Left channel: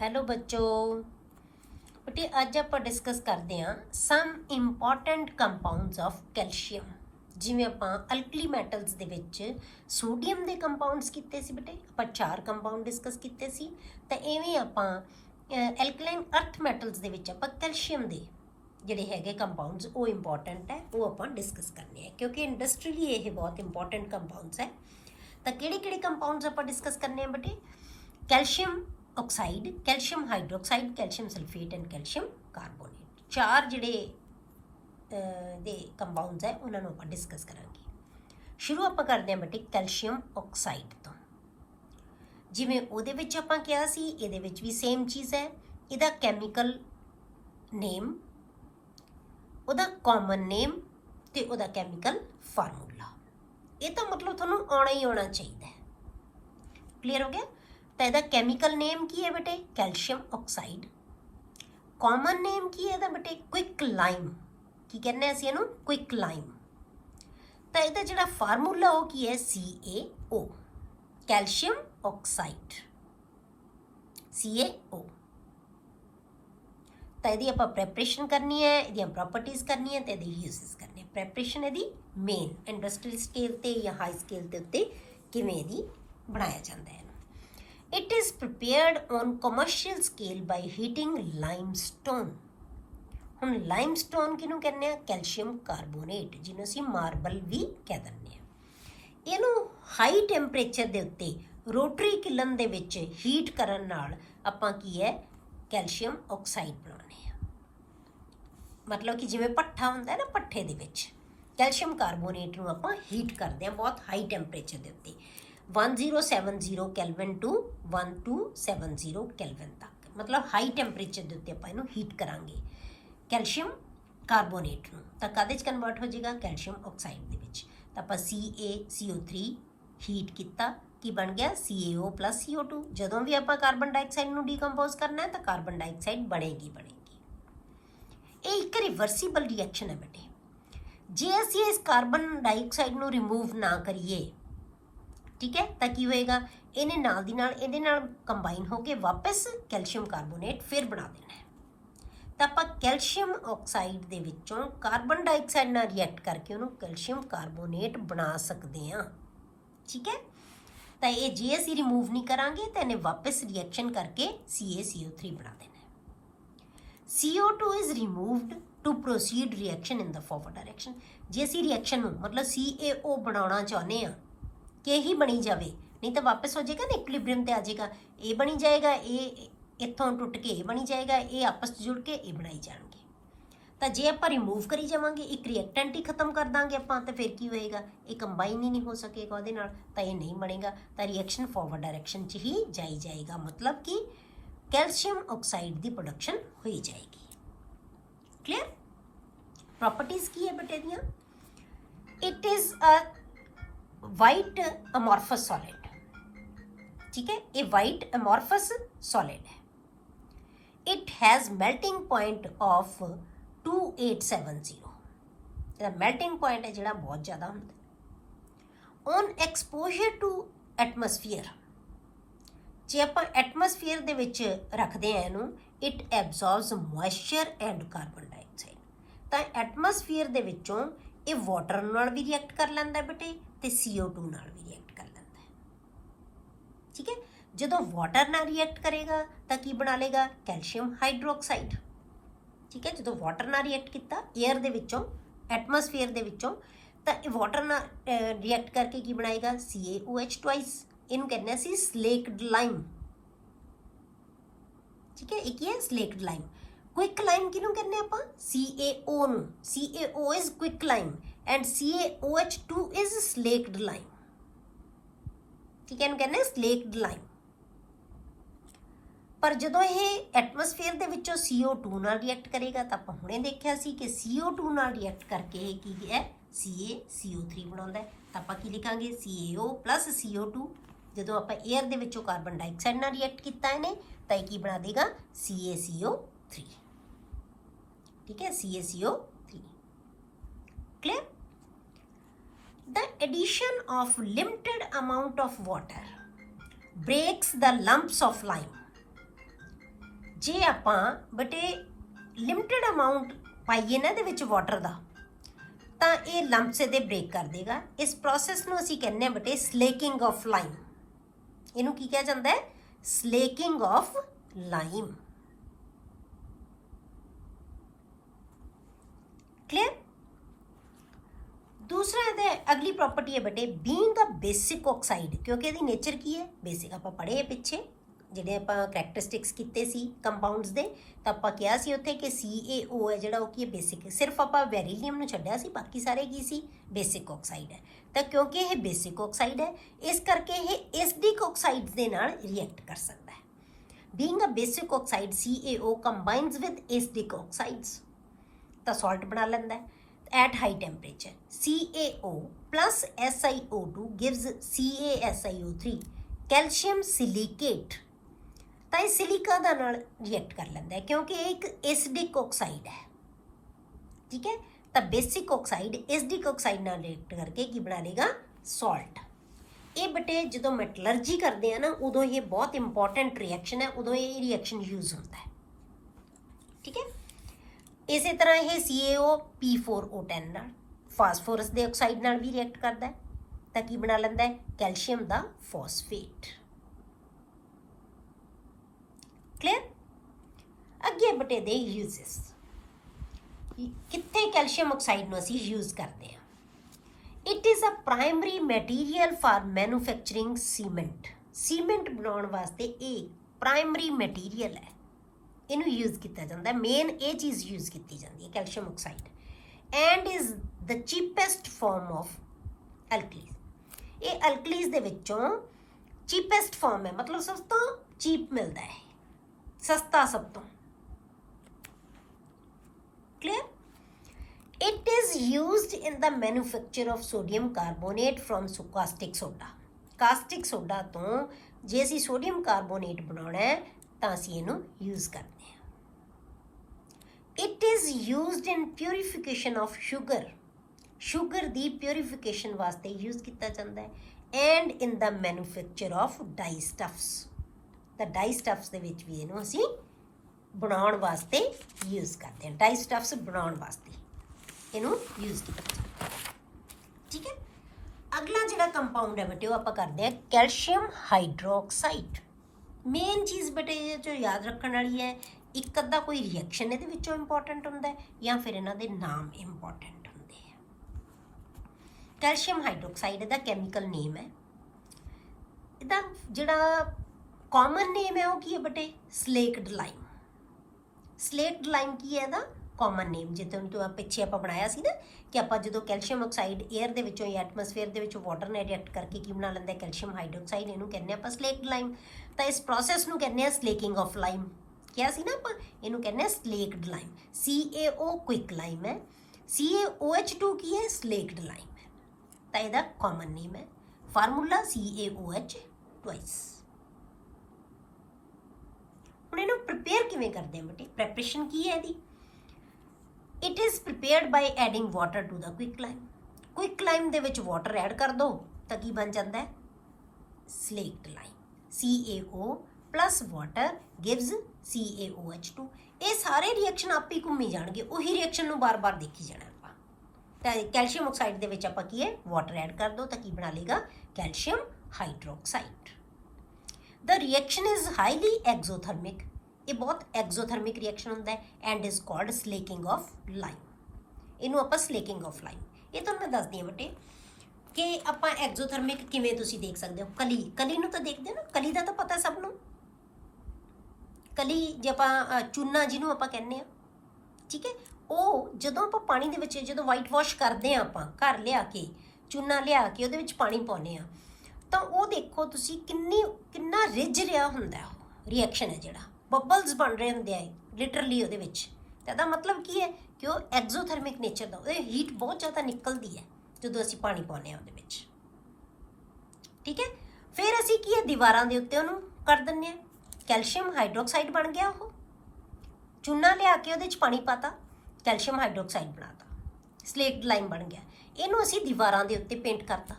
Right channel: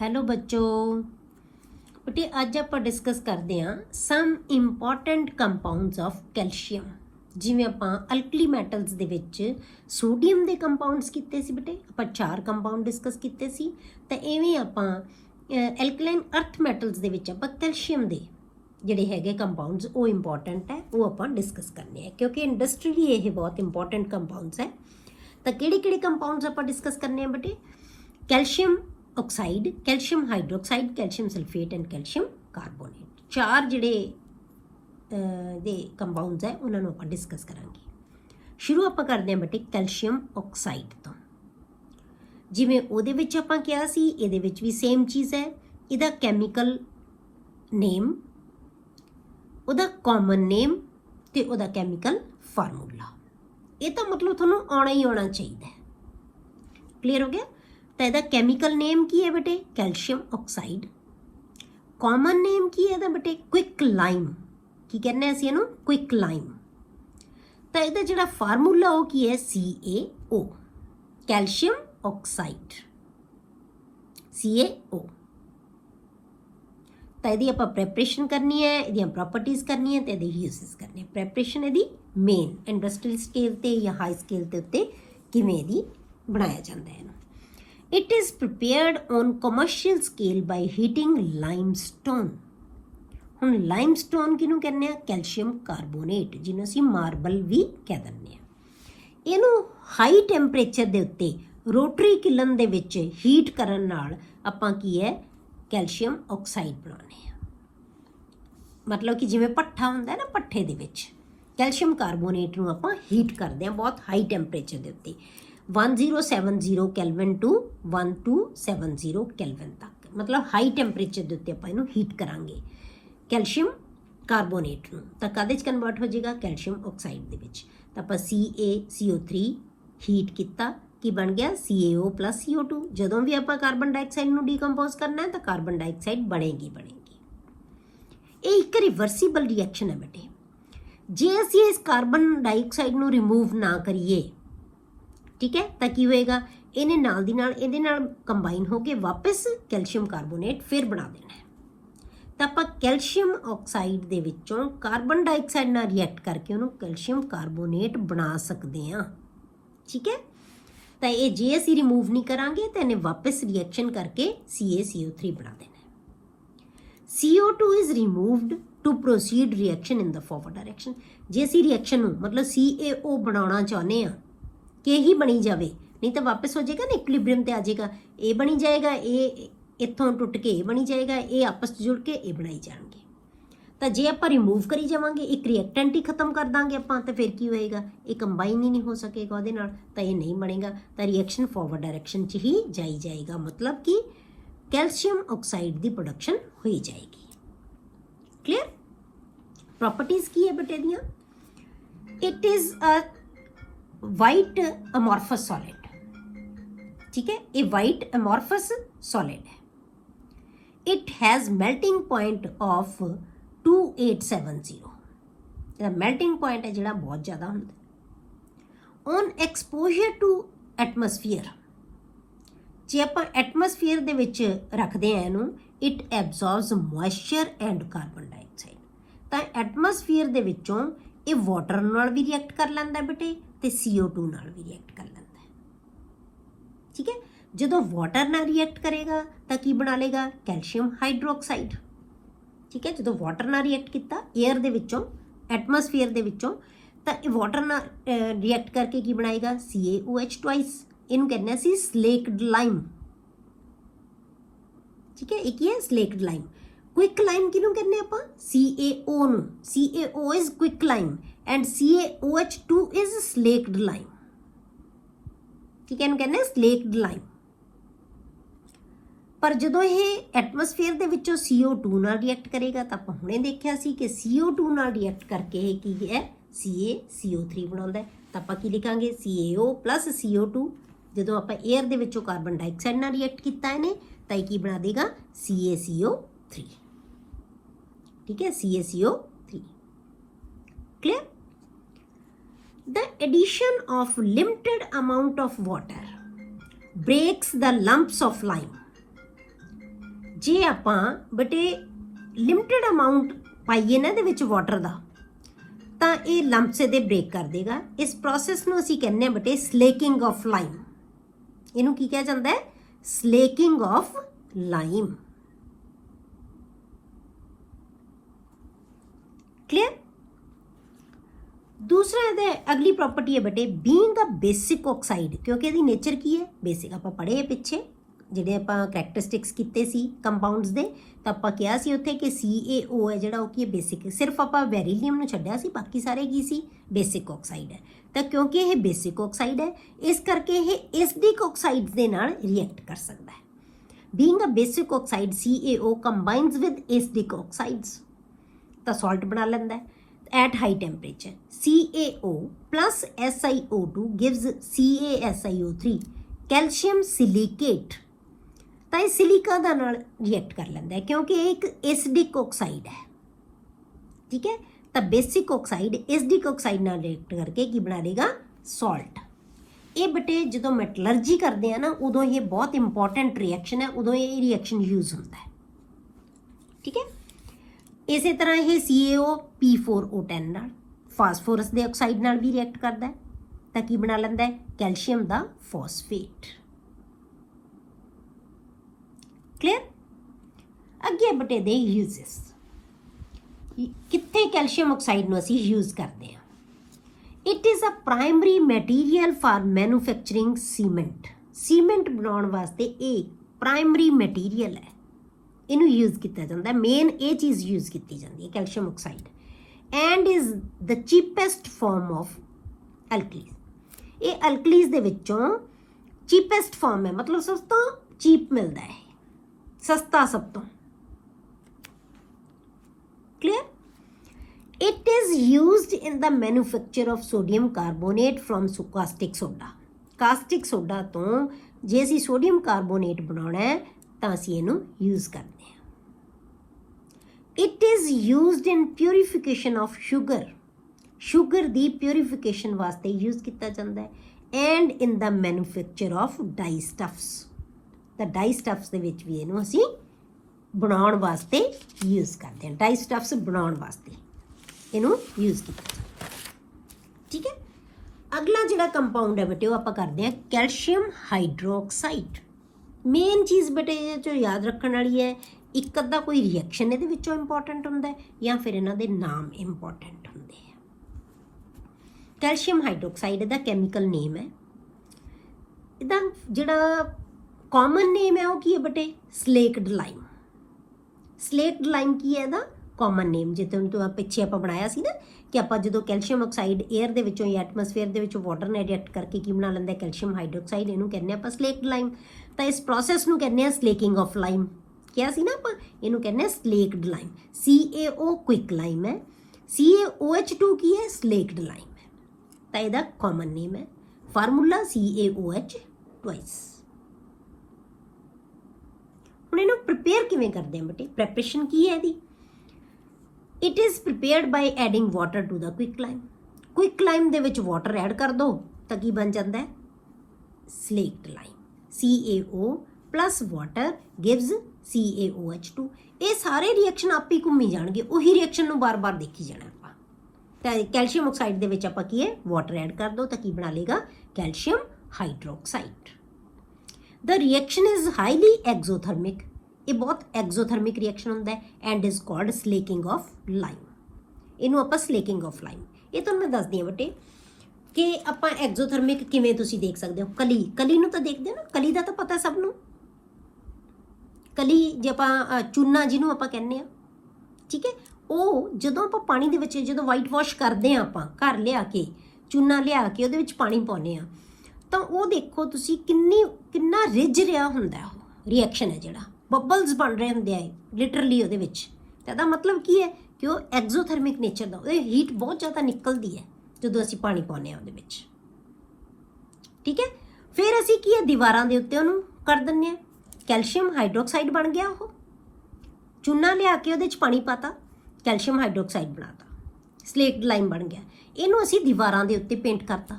Hello बच्चों बेटे अज आप डिस्कस करते हैं some important compounds of calcium जिमें आप अल्कली मैटल्स दे विच सोडियम के कंपाउंड्स किए सी बेटे आप 4 कंपाउंड डिस्कस किए सी तो इवें आप एल्कलाइन अर्थ मैटल्स दे विच आप कैल्शियम के ਜਿਹੜੇ ਹੈਗੇ ਕੰਪਾਊਂਡਸ ਉਹ ਇੰਪੋਰਟੈਂਟ ਹੈ ਉਹ ਆਪਾਂ ਡਿਸਕਸ ਕਰਨੇ ਆ ਕਿਉਂਕਿ ਇੰਡਸਟਰੀਅਲੀ ਇਹ ਬਹੁਤ ਇੰਪੋਰਟੈਂਟ ਕੰਪਾਊਂਡਸ ਹੈ ਤਾਂ ਕਿਹੜੇ ਕੰਪਾਊਂਡਸ ਆਪਾਂ ਡਿਸਕਸ ਕਰਨੇ ਆ ਬੇਟੇ calcium oxide calcium hydroxide calcium sulphate and calcium carbonate 4 ਜਿਹੜੇ ਦੇ ਕੰਪਾਊਂਡਸ ਹੈ ਉਹਨਾਂ ਨੂੰ ਆਪਾਂ ਡਿਸਕਸ ਕਰਾਂਗੇ ਸ਼ੁਰੂ ਆਪਾਂ ਕਰਦੇ ਹਾਂ ਬੇਟੇ ਕੈਲਸ਼ੀਅਮ ਆਕਸਾਈਡ ਤੋਂ ਜਿਵੇਂ ਉਹਦੇ ਵਿੱਚ ਆਪਾਂ ਕਿਹਾ ਸੀ ਇਹਦੇ ਵਿੱਚ ਵੀ ਸੇਮ ਚੀਜ਼ ਹੈ ਇਹਦਾ ਕੈਮੀਕਲ ਨੇਮ ਉਹਦਾ ਕਾਮਨ ਨੇਮ ਤੇ ਉਹਦਾ ਕੈਮੀਕਲ ਫਾਰਮੂਲਾ ਇਹ ਤਾਂ ਮਤਲਬ ਤੁਹਾਨੂੰ ਆਉਣਾ ਹੀ ਆਉਣਾ ਚਾਹੀਦਾ ਹੈ ਕਲੀਅਰ ਹੋ ਗਿਆ ਤਾਂ ਇਹਦਾ ਕੈਮੀਕਲ ਨੇਮ ਕੀ ਹੈ ਬੇਟੇ ਕੈਲਸ਼ੀਅਮ ਆਕਸਾਈਡ ਕਾਮਨ ਨੇਮ ਕੀ ਹੈ ਇਹਦਾ ਬੇਟੇ ਕੁਇਕ ਲਾਈਮ ਕੀ ਕਹਿੰਦੇ ਅਸੀਂ ਇਹਨੂੰ ਕੁਇਕ ਲਾਈਮ ਤਾਂ ਇਹਦਾ ਜਿਹੜਾ ਫਾਰਮੂਲਾ ਉਹ ਕੀ ਹੈ CaO ਕੈਲਸ਼ੀਅਮ ਆਕਸਾਈਡ CaO ਤਾਂ ਇਹਦੀ ਆਪਾਂ ਪ੍ਰੈਪਰੇਸ਼ਨ ਕਰਨੀ ਹੈ ਇਹਦੀਆਂ ਪ੍ਰੋਪਰਟੀਜ਼ ਕਰਨੀ ਹੈ ਤੇ ਇਹਦੇ ਯੂਜ਼ਸ ਕਰਨੇ ਪ੍ਰੈਪਰੇਸ਼ਨ ਇਹਦੀ ਮੇਨ ਇੰਡਸਟਰੀਅਲ ਸਕੇਲ ਤੇ ਜਾਂ ਹਾਈ ਸਕੇਲ ਦੇ ਉੱਤੇ ਕਿਵੇਂ ਇਹਦੀ ਬਣਾਇਆ ਜਾਂਦਾ ਹੈ it is prepared on commercial scale by heating limestone ਹੁਣ ਲਾਈਮਸਟੋਨ ਕਿਹਨੂੰ ਕਹਿੰਦੇ ਆ ਕੈਲਸ਼ੀਅਮ ਕਾਰਬੋਨੇਟ ਜਿਹਨੂੰ ਅਸੀਂ ਮਾਰਬਲ ਵੀ ਕਹਿ ਦਿੰਦੇ ਆ ਇਹਨੂੰ ਹਾਈ ਟੈਂਪਰੇਚਰ ਦੇ ਉੱਤੇ ਰੋਟਰੀ ਕਿਲਨ ਦੇ ਵਿੱਚ ਹੀਟ ਕਰਨ ਨਾਲ ਆਪਾਂ ਕੀ ਹੈ ਕੈਲਸ਼ੀਅਮ ਆਕਸਾਈਡ ਬਣਾਉਣੇ ਆ ਮਤਲਬ ਕਿ ਜਿਵੇਂ ਭੱਠਾ ਹੁੰਦਾ ਨਾ ਭੱਠੇ ਦੇ ਵਿੱਚ ਕੈਲਸ਼ੀਅਮ ਕਾਰਬੋਨੇਟ ਨੂੰ ਆਪਾਂ ਹੀਟ ਕਰਦੇ ਆ ਬਹੁਤ ਹਾਈ ਟੈਂਪਰੇਚਰ ਦੇ ਉੱਤੇ 1070 ਕੈਲਵਿਨ ਟੂ 1270 ਕੈਲਵਿਨ ਤੱਕ ਮਤਲਬ ਹਾਈ ਟੈਂਪਰੇਚਰ ਦੇ ਉੱਤੇ ਆਪਾਂ ਇਹਨੂੰ ਹੀਟ ਕਰਾਂਗੇ ਕੈਲਸ਼ੀਅਮ ਕਾਰਬੋਨੇਟ ਨੂੰ ਤਾਂ ਕਾਹਦੇ 'ਚ ਕਨਵਰਟ ਹੋ ਜਾਏਗਾ ਕੈਲਸ਼ੀਅਮ ਆਕਸਾਈਡ ਦੇ ਵਿੱਚ ਤਾਂ ਆਪਾਂ CaCO3 ਹੀਟ ਕੀਤਾ ਕੀ ਬਣ ਗਿਆ CaO + CO2 ਜਦੋਂ ਵੀ ਆਪਾਂ ਕਾਰਬਨ ਡਾਈਆਕਸਾਈਡ ਨੂੰ ਡੀਕੰਪੋਜ਼ ਕਰਨਾ ਹੈ ਤਾਂ ਕਾਰਬਨ ਡਾਈਆਕਸਾਈਡ ਬਣੇਗੀ ਇਹ ਇੱਕ ਰਿਵਰਸੀਬਲ ਰਿਐਕਸ਼ਨ ਹੈ ਬੇਟੇ ਜੇ ਅਸੀਂ ਇਸ ਕਾਰਬਨ ਡਾਈਆਕਸਾਈਡ ਨੂੰ ਰਿਮੂਵ ਨਾ ਕਰੀਏ ਠੀਕ ਹੈ ਤਾਂ ਕੀ ਹੋਏਗਾ ਇਹਨੇ ਨਾਲ ਦੀ ਨਾਲ ਇਹਦੇ ਨਾਲ ਕੰਬਾਈਨ ਹੋ ਕੇ ਵਾਪਸ ਕੈਲਸ਼ੀਅਮ ਕਾਰਬੋਨੇਟ ਫਿਰ ਬਣਾ ਦੇਣਾ ਹੈ ਤਾਂ ਆਪਾਂ ਕੈਲਸ਼ੀਅਮ ਆਕਸਾਈਡ ਦੇ ਵਿੱਚੋਂ ਕਾਰਬਨ ਡਾਈਆਕਸਾਈਡ ਨਾਲ ਰਿਐਕਟ ਕਰਕੇ ਉਹਨੂੰ ਕੈਲਸ਼ੀਅਮ ਕਾਰਬੋਨੇਟ ਬਣਾ ਸਕਦੇ ਹਾਂ ਠੀਕ ਹੈ ਤਾਂ ਇਹ ਜੇ ਅਸੀਂ ਰਿਮੂਵ ਨਹੀਂ ਕਰਾਂਗੇ ਤਾਂ ਇਹਨੇ ਵਾਪਸ ਰਿਐਕਸ਼ਨ ਕਰਕੇ CaCO3 ਬਣਾ ਦੇਣਾ CO2 is removed to proceed reaction in the forward direction ਜੇ ਅਸੀਂ ਰਿਐਕਸ਼ਨ ਨੂੰ ਮਤਲਬ CaO ਬਣਾਉਣਾ ਚਾਹੁੰਦੇ ਆ ਕਿ ਇਹੀ ਬਣੀ ਜਾਵੇ ਨਹੀਂ ਤਾਂ ਵਾਪਸ ਹੋ ਜਾਏਗਾ ਨਾ ਇਕੁਇਲਿਬ੍ਰੀਅਮ ਤੇ ਆ ਜਾਏਗਾ ਇਹ ਬਣੀ ਜਾਏਗਾ ਇਹ ਇੱਥੋਂ ਟੁੱਟ ਕੇ ਇਹ ਬਣੀ ਜਾਏਗਾ ਇਹ ਆਪਸ 'ਚ ਜੁੜ ਕੇ ਇਹ ਬਣਾਈ ਜਾਣਗੇ ਤਾਂ ਜੇ ਆਪਾਂ ਰਿਮੂਵ ਕਰੀ ਜਾਵਾਂਗੇ ਇੱਕ ਰਿਐਕਟੈਂਟ ਹੀ ਖਤਮ ਕਰ ਦਾਂਗੇ ਆਪਾਂ ਤਾਂ ਫਿਰ ਕੀ ਹੋਏਗਾ ਇਹ ਕੰਬਾਈਨ ਹੀ ਨਹੀਂ ਹੋ ਸਕੇਗਾ ਉਹਦੇ ਨਾਲ ਤਾਂ ਇਹ ਨਹੀਂ ਬਣੇਗਾ ਤਾਂ ਰਿਐਕਸ਼ਨ ਫਾਰਵਰਡ ਡਾਇਰੈਕਸ਼ਨ 'ਚ ਹੀ ਜਾਈ ਜਾਏਗਾ ਮਤਲਬ ਕਿ ਕੈਲਸ਼ੀਅਮ ਆਕਸਾਈਡ ਦੀ ਪ੍ਰੋਡਕਸ਼ਨ ਹੋਈ ਜਾਏਗੀ ਕਲੀਅਰ ਪ੍ਰੋਪਰਟੀਜ਼ ਕੀ ਹੈ ਬੇਟੇ ਦੀਆਂ it is a white amorphous solid ਠੀਕ ਹੈ ਇਹ ਵਾਈਟ ਅਮੋਰਫਸ ਸੋਲਿਡ ਹੈ it has melting point of 2870 ਇਹਦਾ ਮੈਲਟਿੰਗ ਪੁਆਇੰਟ ਹੈ ਜਿਹੜਾ ਬਹੁਤ ਜ਼ਿਆਦਾ ਹੁੰਦਾ ਔਨ ਐਕਸਪੋਜ਼ਰ ਟੂ ਐਟਮੋਸਫੀਅਰ ਜੇ ਆਪਾਂ ਐਟਮੋਸਫੀਅਰ ਦੇ ਵਿੱਚ ਰੱਖਦੇ ਆ ਇਹਨੂੰ it absorbs moisture and carbon dioxide ਤਾਂ ਐਟਮੋਸਫੀਅਰ ਦੇ ਵਿੱਚੋਂ ਇਹ ਵਾਟਰ ਨਾਲ ਵੀ ਰਿਐਕਟ ਕਰ ਲੈਂਦਾ ਬੇਟੇ ਤੇ CO2 ਨਾਲ ਵੀ ਰਿਐਕਟ ਕਰ ਲੈਂਦਾ ਠੀਕ ਹੈ ਜਦੋਂ ਵਾਟਰ ਨਾਲ ਰਿਐਕਟ ਕਰੇਗਾ ਤਾਂ ਕੀ ਬਣਾ ਲੇਗਾ ਕੈਲਸ਼ੀਅਮ ਹਾਈਡਰੋਕਸਾਈਡ ਠੀਕ ਹੈ ਜਦੋਂ ਵਾਟਰ ਨਾਲ ਰਿਐਕਟ ਕੀਤਾ 에ਅਰ ਦੇ ਵਿੱਚੋਂ ਐਟਮੋਸਫੀਅਰ ਦੇ ਵਿੱਚੋਂ ਤਾਂ ਇਹ ਵਾਟਰ ਨਾਲ ਰਿਐਕਟ ਕਰਕੇ ਕੀ ਬਣਾਏਗਾ CaOH ਟਵਾਈਸ ਇਹਨੂੰ ਕਹਿੰਦੇ ਅਸੀਂ ਸਲੇਕਡ ਲਾਈਮ ਠੀਕ ਹੈ ਇਹ ਕੀ ਹੈ ਸਲੇਕਡ ਲਾਈਮ ਕੁਇਕ ਲਾਈਮ ਕਿਹਨੂੰ ਕਹਿੰਦੇ ਆਪਾਂ CaO ਨੂੰ CaO is quick lime and CaOH2 is slaked lime ਠੀਕ ਹੈ ਇਹਨੂੰ ਕਹਿੰਦੇ ਸਲੇਕਡ ਲਾਈਮ ਪਰ ਜਦੋਂ ਇਹ ਐਟਮੋਸਫੀਅਰ ਦੇ ਵਿੱਚੋਂ CO2 ਨਾਲ ਰਿਐਕਟ ਕਰੇਗਾ ਤਾਂ ਆਪਾਂ ਹੁਣੇ ਦੇਖਿਆ ਸੀ ਕਿ CO2 ਨਾਲ ਰਿਐਕਟ ਕਰਕੇ ਇਹ ਕੀ ਹੈ CaCO3 ਬਣਾਉਂਦਾ ਤਾਂ ਆਪਾਂ ਕੀ ਲਿਖਾਂਗੇ CaO + CO2 ਜਦੋਂ ਆਪਾਂ 에ਅਰ ਦੇ ਵਿੱਚੋਂ ਕਾਰਬਨ ਡਾਈਆਕਸਾਈਡ ਨਾਲ ਰਿਐਕਟ ਕੀਤਾ ਇਹਨੇ ਤਾਂ ਇਹ ਕੀ ਬਣਾ ਦੇਗਾ CaCO3 ਠੀਕ ਹੈ CaCO3 clear the addition of limited amount of water breaks the lumps of lime ਜੇ ਆਪਾਂ ਬਟੇ ਲਿਮਟਿਡ ਅਮਾਊਂਟ ਪਾਈਏ ਨਾ ਇਹਦੇ ਵਿੱਚ ਵਾਟਰ ਦਾ ਤਾਂ ਇਹ ਲੰਪਸ ਇਹਦੇ ਬ੍ਰੇਕ ਕਰ ਦੇਗਾ। ਇਸ ਪ੍ਰੋਸੈਸ ਨੂੰ ਅਸੀਂ ਕਹਿੰਦੇ ਹਾਂ ਬਟੇ ਸਲੇਕਿੰਗ ਆਫ ਲਾਈਮ। ਇਹਨੂੰ ਕੀ ਕਿਹਾ ਜਾਂਦਾ ਹੈ? ਸਲੇਕਿੰਗ ਆਫ ਲਾਈਮ। ਕਲੀਅਰ? दूसरा ਇਹਦੇ ਅਗਲੀ ਪ੍ਰੋਪਰਟੀ ਹੈ ਬਟੇ ਬੀਇੰਗ ਅ ਬੇਸਿਕ ਆਕਸਾਈਡ, ਕਿਉਂਕਿ ਇਹਦੀ ਨੇਚਰ ਕੀ ਹੈ? ਬੇਸਿਕ। ਆਪਾਂ ਪੜ੍ਹੇ ਪਿੱਛੇ ਜਿਹੜੇ ਆਪਾਂ ਕਰੈਕਟਰਿਸਟਿਕਸ ਕੀਤੇ ਸੀ ਕੰਪਾਊਂਡਸ ਦੇ, ਤਾਂ ਆਪਾਂ ਕਿਹਾ ਸੀ ਉੱਥੇ ਕਿ CaO ਹੈ ਜਿਹੜਾ ਉਹ ਕੀ ਹੈ? ਬੇਸਿਕ। ਸਿਰਫ ਆਪਾਂ ਬੈਰੀਲੀਅਮ ਨੂੰ ਛੱਡਿਆ ਸੀ, ਬਾਕੀ ਸਾਰੇ ਕੀ ਸੀ? ਬੇਸਿਕ ਆਕਸਾਈਡ ਹੈ। ਤਾਂ ਕਿਉਂਕਿ ਇਹ ਬੇਸਿਕ ਆਕਸਾਈਡ ਹੈ ਇਸ ਕਰਕੇ ਇਹ ਐਸਿਡਿਕ ਆਕਸਾਈਡਸ ਦੇ ਨਾਲ ਰਿਐਕਟ ਕਰ ਸਕਦਾ ਹੈ। Being a basic oxide CaO combines with acidic oxides, ਤਾਂ ਸਾਲਟ ਬਣਾ ਲੈਂਦਾ ਹੈ at high temperature। CaO plus SiO2 gives CaSiO3 calcium silicate। ਤਾਂ ਇਹ ਸਿਲਿਕਾ ਦਾ ਨਾਲ ਰਿਐਕਟ ਕਰ ਲੈਂਦਾ ਹੈ ਕਿਉਂਕਿ ਇਹ ਇੱਕ ਐਸਿਡਿਕ ਆਕਸਾਈਡ ਹੈ। ਠੀਕ ਹੈ, ਤਾਂ ਬੇਸਿਕ ਆਕਸਾਈਡ ਐਸਿਡਿਕ ਆਕਸਾਈਡ ਨਾਲ ਰਿਐਕਟ ਕਰਕੇ ਕੀ ਬਣਾ ਲੇਗਾ? ਸਾਲਟ। ਇਹ ਬਟੇ ਜਦੋਂ ਮੈਟਲਰਜੀ ਕਰਦੇ ਆ ਨਾ ਉਦੋਂ ਇਹ ਬਹੁਤ ਇੰਪੋਰਟੈਂਟ ਰਿਐਕਸ਼ਨ ਹੈ, ਉਦੋਂ ਇਹ ਰਿਐਕਸ਼ਨ ਯੂਜ਼ ਹੁੰਦਾ ਹੈ। ਠੀਕ ਹੈ, ਇਸੇ ਤਰ੍ਹਾਂ ਇਹ CaO P4O10 ਨਾਲ ਫਾਸਫੋਰਸ ਦੇ ਆਕਸਾਈਡ ਨਾਲ ਵੀ ਰਿਐਕਟ ਕਰਦਾ ਹੈ ਤਾਂ ਕੀ ਬਣਾ ਲੈਂਦਾ ਹੈ? ਕੈਲਸ਼ੀਅਮ ਦਾ ਫਾਸਫੇਟ। ਕਲੀਅਰ? ਅੱਗੇ ਬਟੇ ਦੇ ਯੂਜ਼ਸ, ਕਿੱਥੇ ਕੈਲਸ਼ੀਅਮ ਆਕਸਾਈਡ ਨੂੰ ਅਸੀਂ ਯੂਜ਼ ਕਰਦੇ ਹਾਂ? It is a primary material for manufacturing cement. Cement ਬਣਾਉਣ ਵਾਸਤੇ ਇਹ ਪ੍ਰਾਇਮਰੀ ਮਟੀਰੀਅਲ ਹੈ, ਇਹਨੂੰ ਯੂਜ਼ ਕੀਤਾ ਜਾਂਦਾ। ਮੇਨ ਇਹ ਚੀਜ਼ ਯੂਜ਼ ਕੀਤੀ ਜਾਂਦੀ ਹੈ calcium oxide, and is the cheapest form of alkalies. ਇਹ ਐਲਕਲੀਜ਼ ਦੇ ਵਿੱਚੋਂ ਚੀਪੈਸਟ ਫਾਰਮ ਹੈ, ਮਤਲਬ ਸਭ ਤੋਂ ਚੀਪ ਮਿਲਦਾ ਹੈ, ਸਸਤਾ ਸਭ ਤੋਂ। Clear? It is used in the manufacture of sodium carbonate from caustic soda. Caustic soda ਤੋਂ ਜੇ ਅਸੀਂ ਸੋਡੀਅਮ ਕਾਰਬੋਨੇਟ ਬਣਾਉਣਾ ਹੈ ਤਾਂ ਅਸੀਂ ਇਹਨੂੰ ਯੂਜ਼ ਕਰਦੇ ਹਾਂ। It is used in purification of sugar. Sugar ਦੀ ਪਿਊਰੀਫਿਕੇਸ਼ਨ ਵਾਸਤੇ ਯੂਜ਼ ਕੀਤਾ ਜਾਂਦਾ ਹੈ। And in the manufacture of dye stuffs. ਤਾਂ ਡਾਈ ਸਟਫਸ ਦੇ ਵਿੱਚ ਵੀ ਇਹਨੂੰ ਅਸੀਂ ਬਣਾਉਣ ਵਾਸਤੇ ਯੂਜ਼ ਕਰਦੇ ਹਾਂ। ਡਾਈ ਸਟਫਸ ਬਣਾਉਣ ਵਾਸਤੇ ਇਹਨੂੰ ਯੂਜ਼ ਕੀਤਾ ਜਾਂਦਾ ਹੈ। ਠੀਕ ਹੈ, ਅਗਲਾ ਜਿਹੜਾ ਕੰਪਾਊਂਡ ਹੈ ਬੇਟੇ ਉਹ ਆਪਾਂ ਕਰਦੇ ਹਾਂ ਕੈਲਸ਼ੀਅਮ ਹਾਈਡਰੋਕਸਾਈਡ। ਮੇਨ ਚੀਜ਼ ਬੇਟੇ ਇਹ 'ਚੋਂ ਯਾਦ ਰੱਖਣ ਵਾਲੀ ਹੈ, ਇੱਕ ਅੱਧਾ ਕੋਈ ਰਿਐਕਸ਼ਨ ਇਹਦੇ ਵਿੱਚੋਂ ਇੰਪੋਰਟੈਂਟ ਹੁੰਦਾ ਹੈ ਜਾਂ ਫਿਰ ਇਹਨਾਂ ਦੇ ਨਾਮ ਇੰਪੋਰਟੈਂਟ ਹੁੰਦੇ ਆ। ਕੈਲਸ਼ੀਅਮ ਹਾਈਡਰੋਕਸਾਈਡ ਇਹਦਾ ਕੈਮੀਕਲ ਨੇਮ ਹੈ। ਇਹਦਾ ਜਿਹੜਾ ਕਾਮਨ ਨੇਮ ਹੈ ਉਹ ਕੀ ਹੈ ਬੇਟੇ? ਸਲੇਕਡ ਲਾਈਮ। ਸਲੇਕਡ ਲਾਈਮ ਕੀ ਹੈ ਇਹਦਾ ਕਾਮਨ ਨੇਮ? ਜਿੱਦਾਂ ਪਿੱਛੇ ਆਪਾਂ ਬਣਾਇਆ ਸੀ ਨਾ ਕਿ ਆਪਾਂ ਜਦੋਂ ਕੈਲਸ਼ੀਅਮ ਆਕਸਾਈਡ 에ਅਰ ਦੇ ਵਿੱਚੋਂ ਜਾਂ ਐਟਮੋਸਫੇਅਰ ਦੇ ਵਿੱਚੋਂ ਵਾਟਰ ਨਾਲ ਰਿਐਕਟ ਕਰਕੇ ਕੀ ਬਣਾ ਲੈਂਦਾ? Calcium hydroxide. ਇਹਨੂੰ ਕਹਿੰਦੇ ਆਪਾਂ ਸਲੇਕਡ ਲਾਈਮ। ਤਾਂ ਇਸ ਪ੍ਰੋਸੈਸ ਨੂੰ ਕਹਿੰਦੇ ਆ ਸਲੇਕਿੰਗ ਆਫ ਲਾਈਮ। ਕਿਹਾ ਸੀ ਨਾ ਆਪਾਂ, ਇਹਨੂੰ ਕਹਿੰਦੇ ਆ ਸਲੇਕਡ ਲਾਈਮ। CaO ਕੁਇਕ ਲਾਈਮ ਹੈ, CaOH2 ਕੀ ਹੈ? ਸਲੇਕਡ ਲਾਈਮ ਹੈ। ਤਾਂ ਇਹਦਾ ਕਾਮਨ ਨੇਮ ਹੈ। Formula CaOH twice. ਹੁਣ ਇਹਨੂੰ ਪ੍ਰਿਪੇਅਰ ਕਿਵੇਂ ਕਰਦੇ ਆ ਬੇਟੇ? ਪ੍ਰੈਪਰੇਸ਼ਨ ਕੀ ਹੈ ਇਹਦੀ? It is prepared by adding water to the quicklime. Quicklime ਦੇ ਵਿੱਚ ਵਾਟਰ ਐਡ ਕਰ ਦੋ ਤਾਂ ਕੀ ਬਣ ਜਾਂਦਾ ਹੈ? Slaked lime. CaO plus water gives CaOH2। ਇਹ ਸਾਰੇ ਰਿਐਕਸ਼ਨ ਆਪੇ ਹੀ ਘੁੰਮੀ ਜਾਣਗੇ, ਉਹੀ ਰਿਐਕਸ਼ਨ ਨੂੰ ਬਾਰ-ਬਾਰ ਦੇਖੀ ਜਾਣਾ ਆਪਾਂ। ਤਾਂ ਕੈਲਸ਼ੀਅਮ ਆਕਸਾਈਡ ਦੇ ਵਿੱਚ ਆਪਾਂ ਕੀ ਹੈ? ਵਾਟਰ ਐਡ ਕਰ ਦੋ ਤਾਂ ਕੀ ਬਣਾ ਲੇਗਾ? Calcium hydroxide. The reaction is highly exothermic. ਇਹ ਬਹੁਤ ਐਗਜ਼ੋਥਰਮਿਕ ਰਿਐਕਸ਼ਨ ਹੁੰਦਾ ਹੈ and is called slaking of lime. ਇਹਨੂੰ ਆਪਾਂ ਸਲੇਕਿੰਗ ਆਫ ਲਾਈਮ। ਇਹ ਤੁਹਾਨੂੰ ਮੈਂ ਦੱਸਦੀ ਹਾਂ ਬੇਟੇ ਕਿ ਆਪਾਂ ਐਗਜ਼ੋਥਰਮਿਕ ਕਿਵੇਂ ਤੁਸੀਂ ਦੇਖ ਸਕਦੇ ਹੋ। ਕਲੀ ਨੂੰ ਤਾਂ ਦੇਖਦੇ ਨਾ, ਕਲੀ ਦਾ ਤਾਂ ਪਤਾ ਸਭ ਨੂੰ। ਕਲੀ ਜੇ ਆਪਾਂ ਚੂਨਾ ਜਿਹਨੂੰ ਆਪਾਂ ਕਹਿੰਦੇ ਆ, ਠੀਕ ਹੈ, ਉਹ ਜਦੋਂ ਆਪਾਂ ਪਾਣੀ ਦੇ ਵਿੱਚ ਜਦੋਂ ਵਾਈਟ ਵਾਸ਼ ਕਰਦੇ ਹਾਂ ਆਪਾਂ ਘਰ ਲਿਆ ਕੇ, ਚੂਨਾ ਲਿਆ ਕੇ ਉਹਦੇ ਵਿੱਚ ਪਾਣੀ ਪਾਉਂਦੇ ਆ ਤਾਂ ਉਹ ਦੇਖੋ ਤੁਸੀਂ ਕਿੰਨਾ ਰਿੱਝ ਰਿਹਾ ਹੁੰਦਾ ਉਹ ਰਿਐਕਸ਼ਨ ਹੈ ਜਿਹੜਾ ਬਬਲਸ ਬਣ ਰਹੇ ਹੁੰਦੇ ਆ ਲਿਟਰਲੀ ਉਹਦੇ ਵਿੱਚ। ਤਾਂ ਇਹਦਾ ਮਤਲਬ ਕੀ ਹੈ ਕਿ ਉਹ ਐਗਜ਼ੋਥਰਮਿਕ ਨੇਚਰ ਦਾ, ਉਹਦੀ ਹੀਟ ਬਹੁਤ ਜ਼ਿਆਦਾ ਨਿਕਲਦੀ ਹੈ ਜਦੋਂ ਅਸੀਂ ਪਾਣੀ ਪਾਉਂਦੇ ਹਾਂ ਉਹਦੇ ਵਿੱਚ। ਠੀਕ ਹੈ, ਫਿਰ ਅਸੀਂ ਕੀ ਹੈ ਦੀਵਾਰਾਂ ਦੇ ਉੱਤੇ ਉਹਨੂੰ ਕਰ ਦਿੰਦੇ ਹਾਂ। ਕੈਲਸ਼ੀਅਮ ਹਾਈਡਰੋਕਸਾਈਡ ਬਣ ਗਿਆ, ਉਹ ਚੂਨਾ ਲਿਆ ਕੇ ਉਹਦੇ 'ਚ ਪਾਣੀ ਪਾਤਾ, ਕੈਲਸ਼ੀਅਮ ਹਾਈਡਰੋਕਸਾਈਡ ਬਣਾਤਾ, ਸਲੇਕਡ ਲਾਈਮ ਬਣ ਗਿਆ। ਇਹਨੂੰ ਅਸੀਂ ਦੀਵਾਰਾਂ ਦੇ ਉੱਤੇ ਪੇਂਟ ਕਰਤਾ।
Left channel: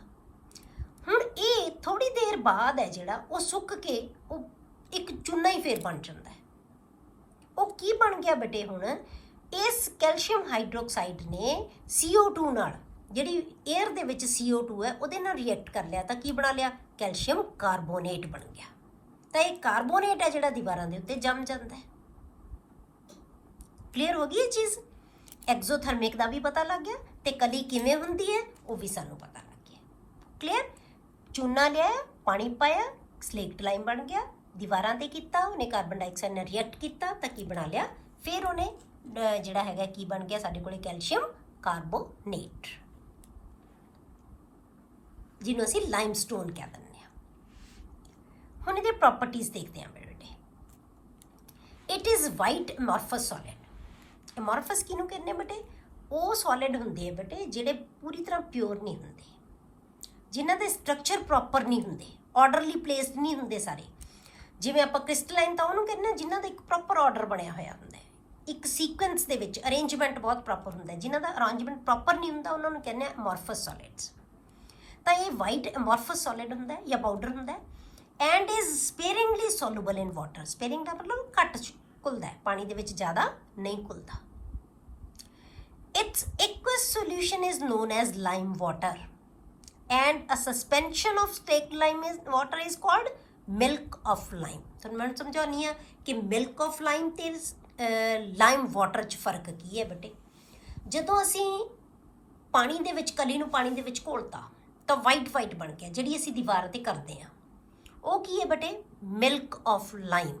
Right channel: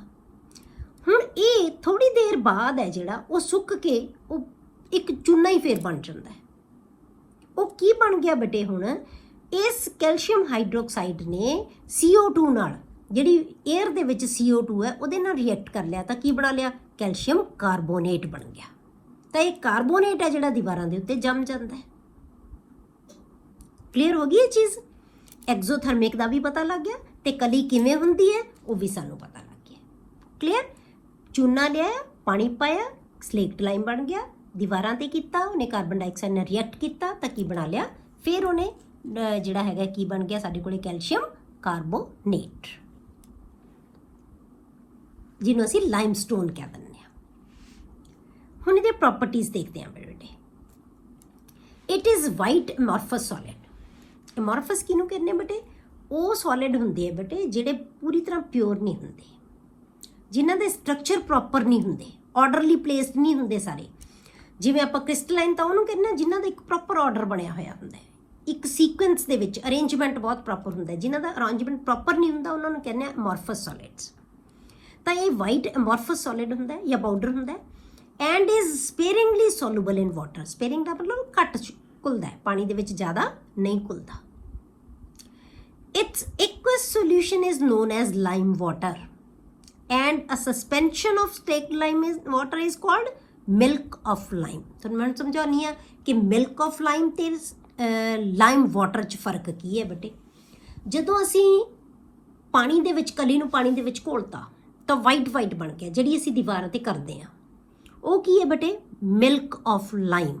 ਹੁਣ ਇਹ ਥੋੜੀ ਦੇਰ ਬਾਅਦ ਹੈ ਜਿਹੜਾ ਉਹ ਸੁੱਕ ਕੇ ਉਹ ਇੱਕ ਚੂਨਾ ਹੀ ਫੇਰ ਬਣ ਜਾਂਦਾ ਹੈ। ਉਹ ਕੀ ਬਣ ਗਿਆ ਬੇਟੇ ਹੁਣ, ਇਸ ਕੈਲਸ਼ੀਅਮ ਹਾਈਡਰੋਕਸਾਈਡ ਨੇ CO2 ਨਾਲ, ਜਿਹੜੀ 에ਅਰ ਦੇ ਵਿੱਚ CO2 ਹੈ ਉਹਦੇ ਨਾਲ ਰਿਐਕਟ ਕਰ ਲਿਆ ਤਾਂ ਕੀ ਬਣਾ ਲਿਆ, ਕੈਲਸ਼ੀਅਮ ਕਾਰਬੋਨੇਟ ਬਣ ਗਿਆ। ਤਾਂ ਇਹ ਕਾਰਬੋਨੇਟ ਹੈ ਜਿਹੜਾ ਦੀਵਾਰਾਂ ਦੇ ਉੱਤੇ ਜੰਮ ਜਾਂਦਾ ਹੈ। ਕਲੀਅਰ ਹੋ ਗਈ ਇਹ ਚੀਜ਼। ਐਗਜ਼ੋਥਰਮਿਕ ਦਾ ਵੀ ਪਤਾ ਲੱਗ ਗਿਆ ਤੇ ਕਲੀ ਕਿਵੇਂ ਹੁੰਦੀ ਹੈ ਉਹ ਵੀ ਸਾਨੂੰ ਪਤਾ ਲੱਗ ਗਿਆ। ਕਲੀਅਰ। ਚੂਨਾ ਲਿਆ, ਪਾਣੀ ਪਾਇਆ, ਸਲੇਕਟ ਲਾਈਮ ਬਣ ਗਿਆ, ਦੀਵਾਰਾਂ ਤੇ ਕੀਤਾ, ਉਹਨੇ ਕਾਰਬਨ ਡਾਈਆਕਸਾਈਡ ਨਾਲ ਰਿਐਕਟ ਕੀਤਾ ਤਾਂ ਕੀ ਬਣਾ ਲਿਆ, ਫਿਰ ਉਹਨੇ ਜਿਹੜਾ ਹੈਗਾ ਕੀ ਬਣ ਗਿਆ ਸਾਡੇ ਕੋਲੇ, ਕੈਲਸ਼ੀਅਮ ਕਾਰਬੋਨੇਟ, ਜਿਹਨੂੰ ਅਸੀਂ ਲਾਈਮਸਟੋਨ ਕਹਿ ਦਿੰਦੇ ਹਾਂ। ਹੁਣ ਇਹਦੇ ਪ੍ਰੋਪਰਟੀਜ਼ ਦੇਖਦੇ ਹਾਂ ਬੇਟੇ। It is white amorphous solid. Amorphous ਕਿਹਨੂੰ ਕਹਿੰਦੇ ਬੇਟੇ, ਉਹ ਸੋਲਿਡ ਹੁੰਦੇ ਆ ਬੇਟੇ ਜਿਹੜੇ ਪੂਰੀ ਤਰ੍ਹਾਂ ਪਿਓਰ ਨਹੀਂ ਹੁੰਦੇ, ਜਿਨ੍ਹਾਂ ਦੇ ਸਟਰਕਚਰ ਪ੍ਰੋਪਰ ਨਹੀਂ ਹੁੰਦੇ, ਆਰਡਰਲੀ ਪਲੇਸਡ ਨਹੀਂ ਹੁੰਦੇ ਸਾਰੇ। ਜਿਵੇਂ ਆਪਾਂ ਕ੍ਰਿਸਟਲਾਈਨ ਤਾਂ ਉਹਨੂੰ ਕਹਿੰਦੇ ਹਾਂ ਜਿਨ੍ਹਾਂ ਦਾ ਇੱਕ ਪ੍ਰੋਪਰ ਆਰਡਰ ਬਣਿਆ ਹੋਇਆ ਹੁੰਦਾ ਹੈ, ਇੱਕ ਸੀਕੁਐਂਸ ਦੇ ਵਿੱਚ ਅਰੇਂਜਮੈਂਟ ਬਹੁਤ ਪ੍ਰੋਪਰ ਹੁੰਦਾ ਹੈ। ਜਿਨ੍ਹਾਂ ਦਾ ਅਰੇਂਜਮੈਂਟ ਪ੍ਰੋਪਰ ਨਹੀਂ ਹੁੰਦਾ ਉਹਨਾਂ ਨੂੰ ਕਹਿੰਦੇ ਆ ਐਮੋਰਫਸ ਸੋਲਿਡਸ। ਤਾਂ ਇਹ ਵਾਈਟ ਐਮੋਰਫਸ ਸੋਲਿਡ ਹੁੰਦਾ ਹੈ ਜਾਂ ਪਾਊਡਰ ਹੁੰਦਾ ਹੈ, and is sparingly soluble in water. Sparing ਦਾ ਮਤਲਬ ਘੱਟ ਘੁਲਦਾ ਹੈ, ਪਾਣੀ ਦੇ ਵਿੱਚ ਜ਼ਿਆਦਾ ਨਹੀਂ ਘੁਲਦਾ। Its aqueous solution is known as lime water and a suspension of staked lime water is called milk of lime। ਤੁਹਾਨੂੰ ਮੈਂ ਸਮਝਾਉਣੀ ਆ ਕਿ milk of lime ਤੇ lime water 'ਚ ਫਰਕ ਕੀ ਹੈ ਬੇਟੇ। ਜਦੋਂ ਅਸੀਂ ਪਾਣੀ ਦੇ ਵਿੱਚ ਕਲੀ ਨੂੰ ਪਾਣੀ ਦੇ ਵਿੱਚ ਘੋਲਤਾ ਤਾਂ ਵਾਈਟ ਬਣ ਗਿਆ, ਜਿਹੜੀ ਅਸੀਂ ਦੀਵਾਰ ਤੇ ਕਰਦੇ ਹਾਂ ਉਹ ਕੀ ਹੈ ਬੇਟੇ, ਮਿਲਕ ਆਫ ਲਾਈਮ।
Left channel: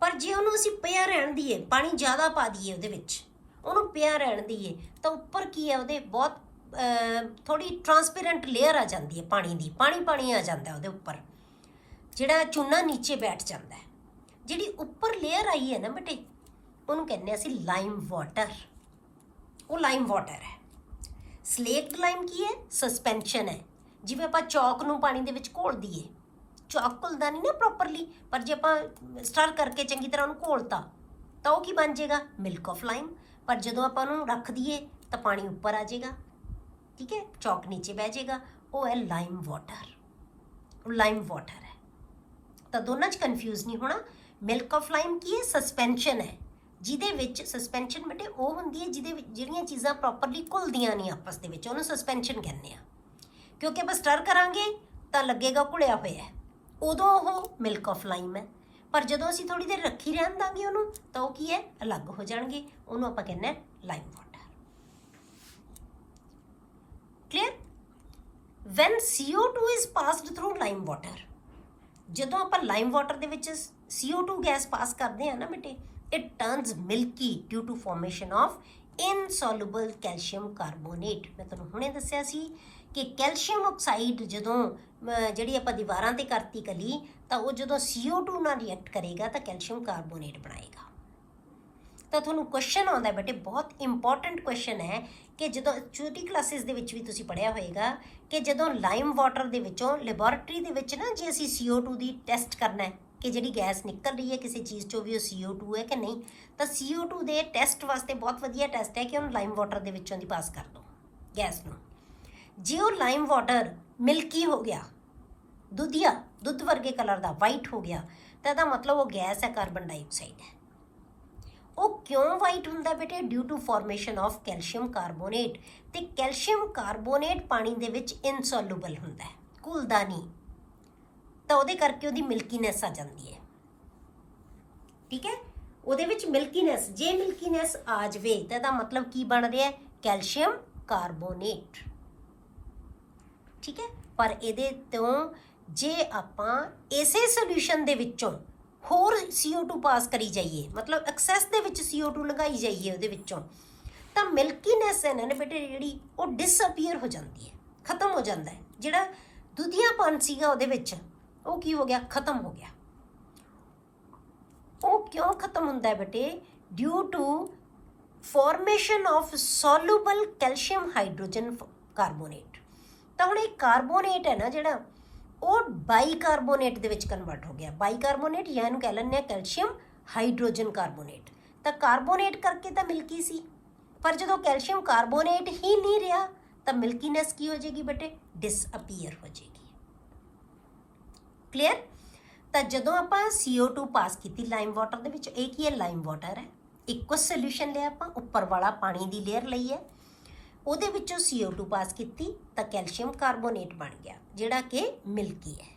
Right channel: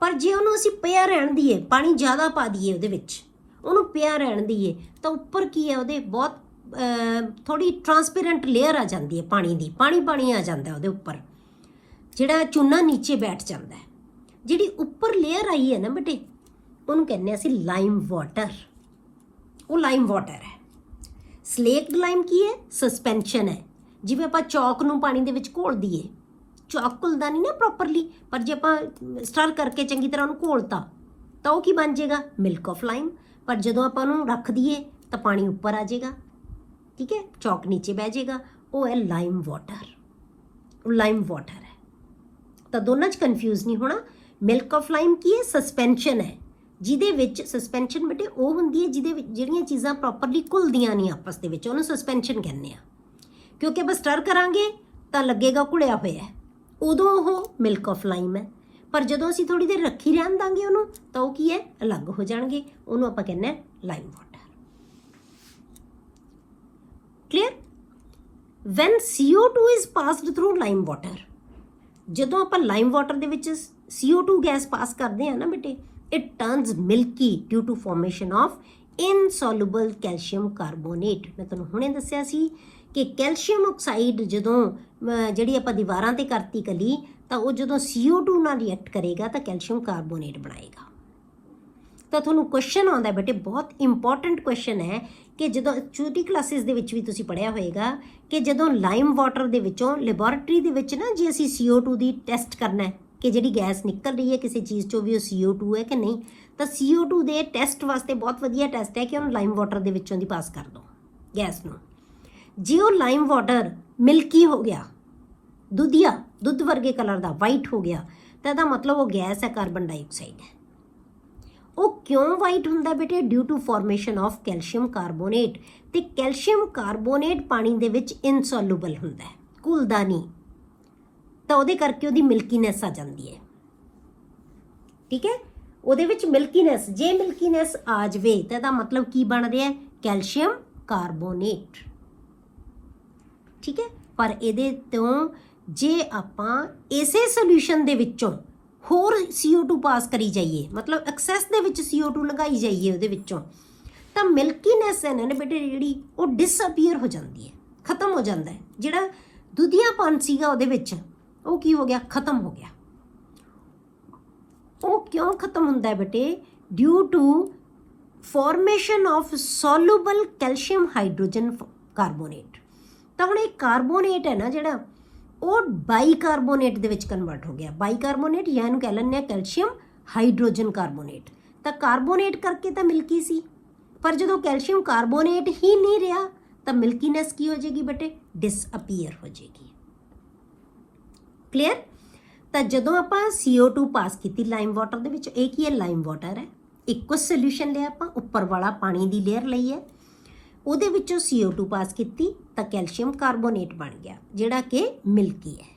ਪਰ ਜੇ ਉਹਨੂੰ ਅਸੀਂ ਪਿਆ ਰਹਿਣ ਦਈਏ, ਪਾਣੀ ਜ਼ਿਆਦਾ ਪਾ ਦਈਏ ਉਹਦੇ ਵਿੱਚ, ਉਹਨੂੰ ਪਿਆ ਰਹਿਣ ਦਈਏ ਤਾਂ ਉੱਪਰ ਕੀ ਹੈ ਉਹਦੇ ਬਹੁਤ ਥੋੜੀ ਟਰਾਂਸਪੇਰੈਂਟ ਲੇਅਰ ਆ ਜਾਂਦੀ ਹੈ ਪਾਣੀ ਦੀ, ਪਾਣੀ ਆ ਜਾਂਦਾ ਉਹਦੇ ਉੱਪਰ, ਜਿਹੜਾ ਚੂਨਾ ਨੀਚੇ ਬੈਠ ਜਾਂਦਾ ਹੈ। ਜਿਹੜੀ ਉੱਪਰ ਲੇਅਰ ਆਈ ਹੈ ਨਾ ਬੇਟੇ ਉਹਨੂੰ ਕਹਿੰਦੇ ਅਸੀਂ ਲਾਈਮ ਵਾਟਰ, ਉਹ ਲਾਈਮ ਵਾਟਰ ਹੈ। ਸਲੇਕਡ ਲਾਈਮ ਕੀ ਹੈ, ਸਸਪੈਂਸ਼ਨ ਹੈ। ਜਿਵੇਂ ਆਪਾਂ ਚੌਕ ਨੂੰ ਪਾਣੀ ਦੇ ਘੋਲ ਦਈਏ, ਚੌਕ ਘੁਲਦਾ ਨਹੀਂ ਨਾ ਪ੍ਰੋਪਰਲੀ, ਪਰ ਜੇ ਆਪਾਂ ਸਟਰ ਕਰਕੇ ਚੰਗੀ ਤਰ੍ਹਾਂ ਉਹਨੂੰ ਘੋਲਤਾ ਤਾਂ ਉਹ ਕੀ ਬਣ ਜਾਏਗਾ, ਮਿਲਕ ਆਫ ਲਾਈਮ। ਪਰ ਜਦੋਂ ਆਪਾਂ ਉਹਨੂੰ ਰੱਖ ਦਈਏ ਤਾਂ ਪਾਣੀ ਉੱਪਰ ਆ ਜਾਏਗਾ, ਠੀਕ ਹੈ, ਚੌਕ ਨੀਚੇ ਬਹਿ ਜਾਏਗਾ, ਉਹ ਹੈ ਲਾਈਮ ਵਾਟਰ, ਉਹ ਲਾਈਮ ਵਾਟਰ ਹੈ। ਤਾਂ ਦੋਨਾਂ 'ਚ ਕਨਫਿਊਜ਼ ਨਹੀਂ ਹੋਣਾ। ਮਿਲਕ ਆਫ ਲਾਈਮ ਕੀ ਹੈ, ਸਸਪੈਂਸ਼ਨ ਹੈ, ਜਿਹਦੇ ਵਿੱਚ ਸਸਪੈਂਸ਼ਨ ਬੇਟੇ ਉਹ ਹੁੰਦੀ ਹੈ ਜਿਹਦੇ ਵਿੱਚ ਜਿਹੜੀਆਂ ਚੀਜ਼ਾਂ ਪ੍ਰੋਪਰਲੀ ਘੁਲਦੀਆਂ ਨਹੀਂ ਆਪਸ ਦੇ ਵਿੱਚ, ਉਹਨੂੰ ਸਸਪੈਂਸ਼ਨ ਕਹਿੰਦੇ ਆ। ਕਿਉਂਕਿ ਆਪਾਂ ਸਟਰ ਕਰਾਂਗੇ ਤਾਂ ਲੱਗੇਗਾ ਘੁਲਿਆ ਹੋਇਆ ਹੈ, ਉਦੋਂ ਉਹ ਮਿਲਕ ਆਫ ਲਾਈਮ ਹੈ। ਪਰ ਜਦੋਂ ਅਸੀਂ ਥੋੜੀ ਦੇਰ ਰੱਖੀ ਰਹਿਣ ਦਾਂਗੇ ਉਹਨੂੰ ਤਾਂ ਉਹ ਕੀ ਹੈ, ਅਲੱਗ ਹੋ ਜਾਣਗੇ, ਉਹਨੂੰ ਆਪਾਂ ਕਹਿੰਦੇ ਹਾਂ lime water. Clear. When CO2 is passed through lime water, ਜਦੋਂ ਆਪਾਂ ਲਾਈਮ ਵਾਟਰ ਦੇ ਵਿੱਚ CO2 ਗੈਸ ਪਾਸ ਕਰਦੇ ਹਾਂ ਨਾ ਬੇਟੇ, it turns milky due to formation of insoluble calcium carbonate. ਮੈਂ ਤੁਹਾਨੂੰ ਹੁਣੇ ਦੱਸਿਆ ਸੀ ਕਿ ਕੈਲਸ਼ੀਅਮ ਆਕਸਾਈਡ ਜਦੋਂ ਜਿਹੜੀ ਆਪਾਂ ਦੀਵਾਰਾਂ ਤੇ ਕਰਤੀ ਕਲੀ, ਤਾਂ ਉਹ ਜਦੋਂ CO2 ਨਾਲ ਰਿਐਕਟ ਕਰੇਗਾ ਤਾਂ ਕੈਲਸ਼ੀਅਮ ਕਾਰਬੋਨੇਟ ਬਣਾਏਗਾ। ਤਾਂ ਤੁਹਾਨੂੰ ਕੁਐਸਚਨ ਆਉਂਦਾ ਬੇਟੇ, ਬਹੁਤ ਇੰਪੋਰਟੈਂਟ ਕੁਐਸਚਨ ਹੈ ਕਿ ਜਦੋਂ ਛੋਟੀ ਕਲਾਸਿਸ ਦੇ ਵਿੱਚ ਵੀ ਤੁਸੀਂ ਪੜ੍ਹਿਆ ਹੋਏਗਾ ਕਿ ਜਦੋਂ ਲਾਈਮ ਵਾਟਰ ਦੇ ਵਿੱਚੋਂ ਲੈਬੋਰੇਟਰੀ ਦੇ ਵਿੱਚ ਨਾ, ਜੇ ਅਸੀਂ CO2 ਦੀ ਟੈਸਟ ਕਰਨਾ ਹੈ ਕਿ ਜਿਹੜੀ ਗੈਸ ਨਿਕਲ ਰਹੀ ਹੈ ਕਿਸੇ ਚੀਜ਼ 'ਚੋਂ ਵੀ ਉਹ CO2 ਹੈ ਕਿ ਨਹੀਂ, ਤਾਂ CO2 ਦੇ ਟੈਸਟ ਵਾਸਤੇ ਬਹੁਤ ਵਧੀਆ ਟੈਸਟ ਹੈ ਕਿ ਉਹਨੂੰ ਲਾਈਮ ਵਾਟਰ ਦੇ ਵਿੱਚੋਂ ਦੀ ਪਾਸ ਕਰ ਦਿਓ ਗੈਸ ਨੂੰ। ਜੇ ਉਹ ਲਾਈਮ ਵਾਟਰ ਮਿਲਕੀ ਹੋ ਗਿਆ, ਦੁੱਧ ਵਰਗੇ ਕਲਰ ਦਾ ਵਾਈਟ ਹੋ ਗਿਆ, ਤਾਂ ਇਹਦਾ ਮਤਲਬ ਉਹ ਗੈਸ ਹੈ, ਕਾਰਬਨ ਡਾਈਆਕਸਾਈਡ ਹੈ। ਉਹ ਕਿਉਂ ਵਾਈਟ ਹੁੰਦਾ ਬੇਟੇ, due to formation of calcium carbonate. ਤੇ ਕੈਲਸ਼ੀਅਮ ਕਾਰਬੋਨੇਟ ਪਾਣੀ ਦੇ ਵਿੱਚ ਇਨਸੋਲੂਬਲ ਹੁੰਦਾ ਹੈ, ਘੁਲਦਾ ਨਹੀਂ, ਤਾਂ ਉਹਦੇ ਕਰਕੇ ਉਹਦੀ ਮਿਲਕੀਨੈਸ ਆ ਜਾਂਦੀ ਹੈ, ਠੀਕ ਹੈ, ਉਹਦੇ ਵਿੱਚ ਮਿਲਕੀਨੈਸ। ਜੇ ਮਿਲਕੀਨੈਸ ਆ ਜਾਵੇ ਤਾਂ ਇਹਦਾ ਮਤਲਬ ਕੀ ਬਣ ਰਿਹਾ ਹੈ, ਕੈਲਸ਼ੀਅਮ ਕਾਰਬੋਨੇਟ, ਠੀਕ ਹੈ। ਪਰ ਇਹਦੇ ਤੋਂ ਜੇ ਆਪਾਂ ਇਸੇ ਸੋਲੂਸ਼ਨ ਦੇ ਵਿੱਚੋਂ ਹੋਰ CO2 ਪਾਸ ਕਰੀ ਜਾਈਏ, ਮਤਲਬ ਐਕਸੈਸ ਦੇ ਵਿੱਚ CO2 ਲਗਾਈ ਜਾਈਏ ਉਹਦੇ ਵਿੱਚੋਂ, ਤਾਂ ਮਿਲਕੀਨੈਸ ਹੈ ਨਾ ਬੇਟੇ ਜਿਹੜੀ ਉਹ ਡਿਸਅਪੀਅਰ ਹੋ ਜਾਂਦੀ ਹੈ, ਖਤਮ ਹੋ ਜਾਂਦਾ ਹੈ। ਜਿਹੜਾ ਦੁਧੀਆਪਨ ਸੀਗਾ ਉਹਦੇ ਵਿੱਚ ਉਹ ਕੀ ਹੋ ਗਿਆ, ਖਤਮ ਹੋ ਗਿਆ। ਉਹ ਕਿਉਂ ਖਤਮ ਹੁੰਦਾ ਹੈ ਬੇਟੇ, due to formation of soluble calcium hydrogen carbonate. ਤਾਂ ਹੁਣ ਇਹ ਕਾਰਬੋਨੇਟ ਹੈ ਨਾ ਜਿਹੜਾ, ਉਹ ਬਾਈਕਾਰਬੋਨੇਟ ਦੇ ਵਿੱਚ ਕਨਵਰਟ ਹੋ ਗਿਆ। ਬਾਈਕਾਰਬੋਨੇਟ ਜਾਂ ਇਹਨੂੰ ਕਹਿ ਲੈਂਦੇ ਹਾਂ ਕੈਲਸ਼ੀਅਮ ਹਾਈਡਰੋਜਨ ਕਾਰਬੋਨੇਟ। ਤਾਂ ਕਾਰਬੋਨੇਟ ਕਰਕੇ ਤਾਂ ਮਿਲਕੀ ਸੀ, ਪਰ ਜਦੋਂ ਕੈਲਸ਼ੀਅਮ ਕਾਰਬੋਨੇਟ ਹੀ ਨਹੀਂ ਰਿਹਾ ਤਾਂ ਮਿਲਕੀਨੈਸ ਕੀ ਹੋ ਜਾਏਗੀ ਬੇਟੇ, ਡਿਸਅਪੀਅਰ ਹੋ ਜਾਏਗੀ। ਕਲੀਅਰ। ਤਾਂ ਜਦੋਂ ਆਪਾਂ CO2 ਪਾਸ ਕੀਤੀ ਲਾਈਮ ਵਾਟਰ ਦੇ ਵਿੱਚ, ਇਹ ਕੀ ਹੈ, ਲਾਈਮ ਵਾਟਰ ਹੈ, ਇੱਕੋ ਸੋਲਿਊਸ਼ਨ ਲਿਆ ਆਪਾਂ, ਉੱਪਰ ਵਾਲਾ ਪਾਣੀ ਦੀ ਲੇਅਰ ਲਈ ਹੈ, ਉਹਦੇ ਵਿੱਚੋਂ CO2 ਪਾਸ ਕੀਤੀ ਤਾਂ ਕੈਲਸ਼ੀਅਮ ਕਾਰਬੋਨੇਟ ਬਣ ਗਿਆ ਜਿਹੜਾ ਕਿ ਮਿਲਕੀ ਹੈ,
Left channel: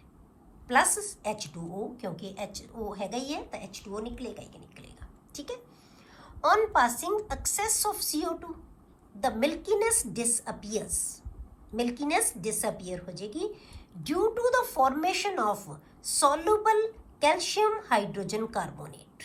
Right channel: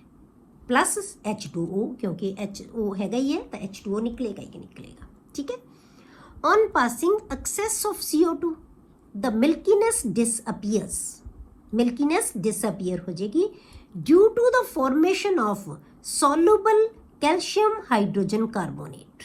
ਪਲੱਸ H2O, ਕਿਉਂਕਿ HO ਹੈਗਾ ਹੀ ਹੈ ਤਾਂ H2O ਨਿਕਲੇਗਾ ਹੀ ਨਿਕਲੇਗਾ, ਠੀਕ ਹੈ। On passing excess of CO2, the milkiness disappears. Milkiness disappear हो जाएगी due to the formation of soluble calcium hydrogen carbonate.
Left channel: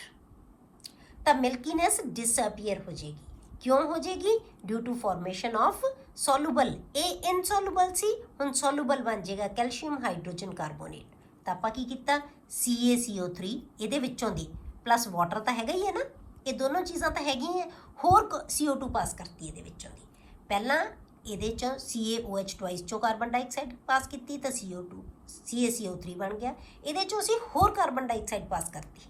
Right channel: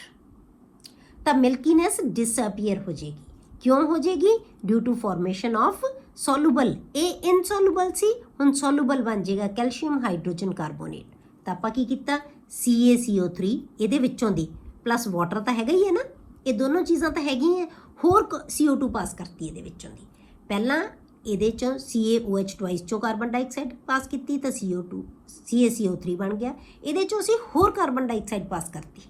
तो milkiness disappear हो जाएगी, क्यों हो जाएगी? Due to formation of soluble, A insoluble सी, ਹੁਣ soluble बन जाएगा calcium hydrogen carbonate। ਤਾਂ ਆਪਾਂ ਕੀ ਕੀਤਾ, CaCO3 ਇਹਦੇ ਵਿੱਚੋਂ ਦੀ ਪਲੱਸ ਵਾਟਰ ਤਾਂ ਹੈਗਾ ਹੀ ਹੈ ਨਾ, ਇਹ ਦੋਨੋਂ ਚੀਜ਼ਾਂ ਤਾਂ ਹੈਗੀਆਂ, ਹੋਰ CO2 ਪਾਸ ਕਰਤੀ ਇਹਦੇ ਵਿੱਚੋਂ ਦੀ। ਪਹਿਲਾਂ ਇਹਦੇ ਚੋਂ CaOH ਟਵਾਈਸ ਚੋਂ ਕਾਰਬਨ ਡਾਈਆਕਸਾਈਡ ਪਾਸ ਕੀਤੀ ਤਾਂ CaCO3 ਬਣ ਗਿਆ, ਇਹਦੇ ਚੋਂ ਅਸੀਂ ਹੋਰ ਕਾਰਬਨ ਡਾਈਆਕਸਾਈਡ ਪਾਸ ਕਰਤੀ,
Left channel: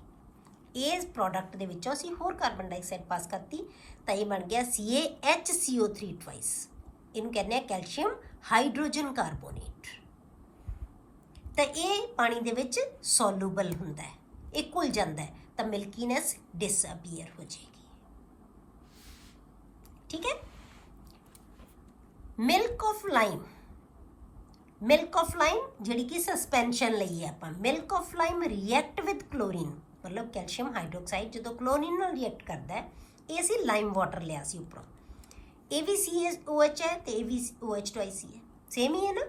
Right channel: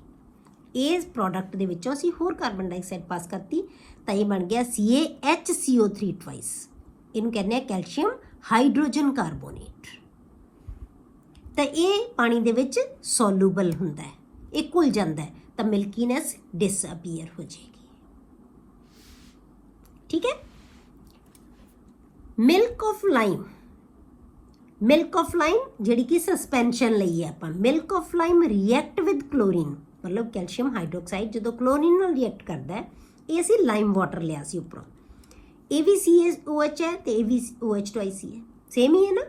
ਇਸ ਪ੍ਰੋਡਕਟ ਦੇ ਵਿੱਚੋਂ ਅਸੀਂ ਹੋਰ ਕਾਰਬਨ ਡਾਈਆਕਸਾਈਡ ਪਾਸ ਕਰਤੀ ਤਾਂ ਇਹ ਬਣ ਗਿਆ CaHCO3 ਟਵਾਈਸ। ਇਹਨੂੰ ਕਹਿੰਦੇ ਆ ਕੈਲਸ਼ੀਅਮ ਹਾਈਡਰੋਜਨ ਕਾਰਬੋਨੇਟ। ਤਾਂ ਇਹ ਪਾਣੀ ਦੇ ਵਿੱਚ ਸੋਲੂਬਲ ਹੁੰਦਾ ਹੈ, ਇਹ ਘੁਲ ਜਾਂਦਾ ਹੈ ਤਾਂ ਮਿਲਕੀਨੈਸ ਡਿਸਅਪੀਅਰ ਹੋ ਜਾਏਗੀ, ਠੀਕ ਹੈ। Milk of lime, milk of lime ਜਿਹੜੀ ਕਿ ਸਸਪੈਂਸ਼ਨ ਲਈ ਹੈ ਆਪਾਂ, milk of lime react with chlorine, ਮਤਲਬ ਕੈਲਸ਼ੀਅਮ ਹਾਈਡਰੋਕਸਾਈਡ ਜਦੋਂ ਕਲੋਰੀਨ ਨਾਲ ਰਿਐਕਟ ਕਰਦਾ ਹੈ, ਇਹ ਅਸੀਂ ਲਾਈਮ ਵਾਟਰ ਲਿਆ ਸੀ ਉੱਪਰੋਂ, ਇਹ ਵੀ CaOH ਹੈ ਤੇ ਇਹ ਵੀ OH ਟਵਾਈਸ ਹੀ ਹੈ, ਸੇਮ ਹੀ ਹੈ ਨਾ।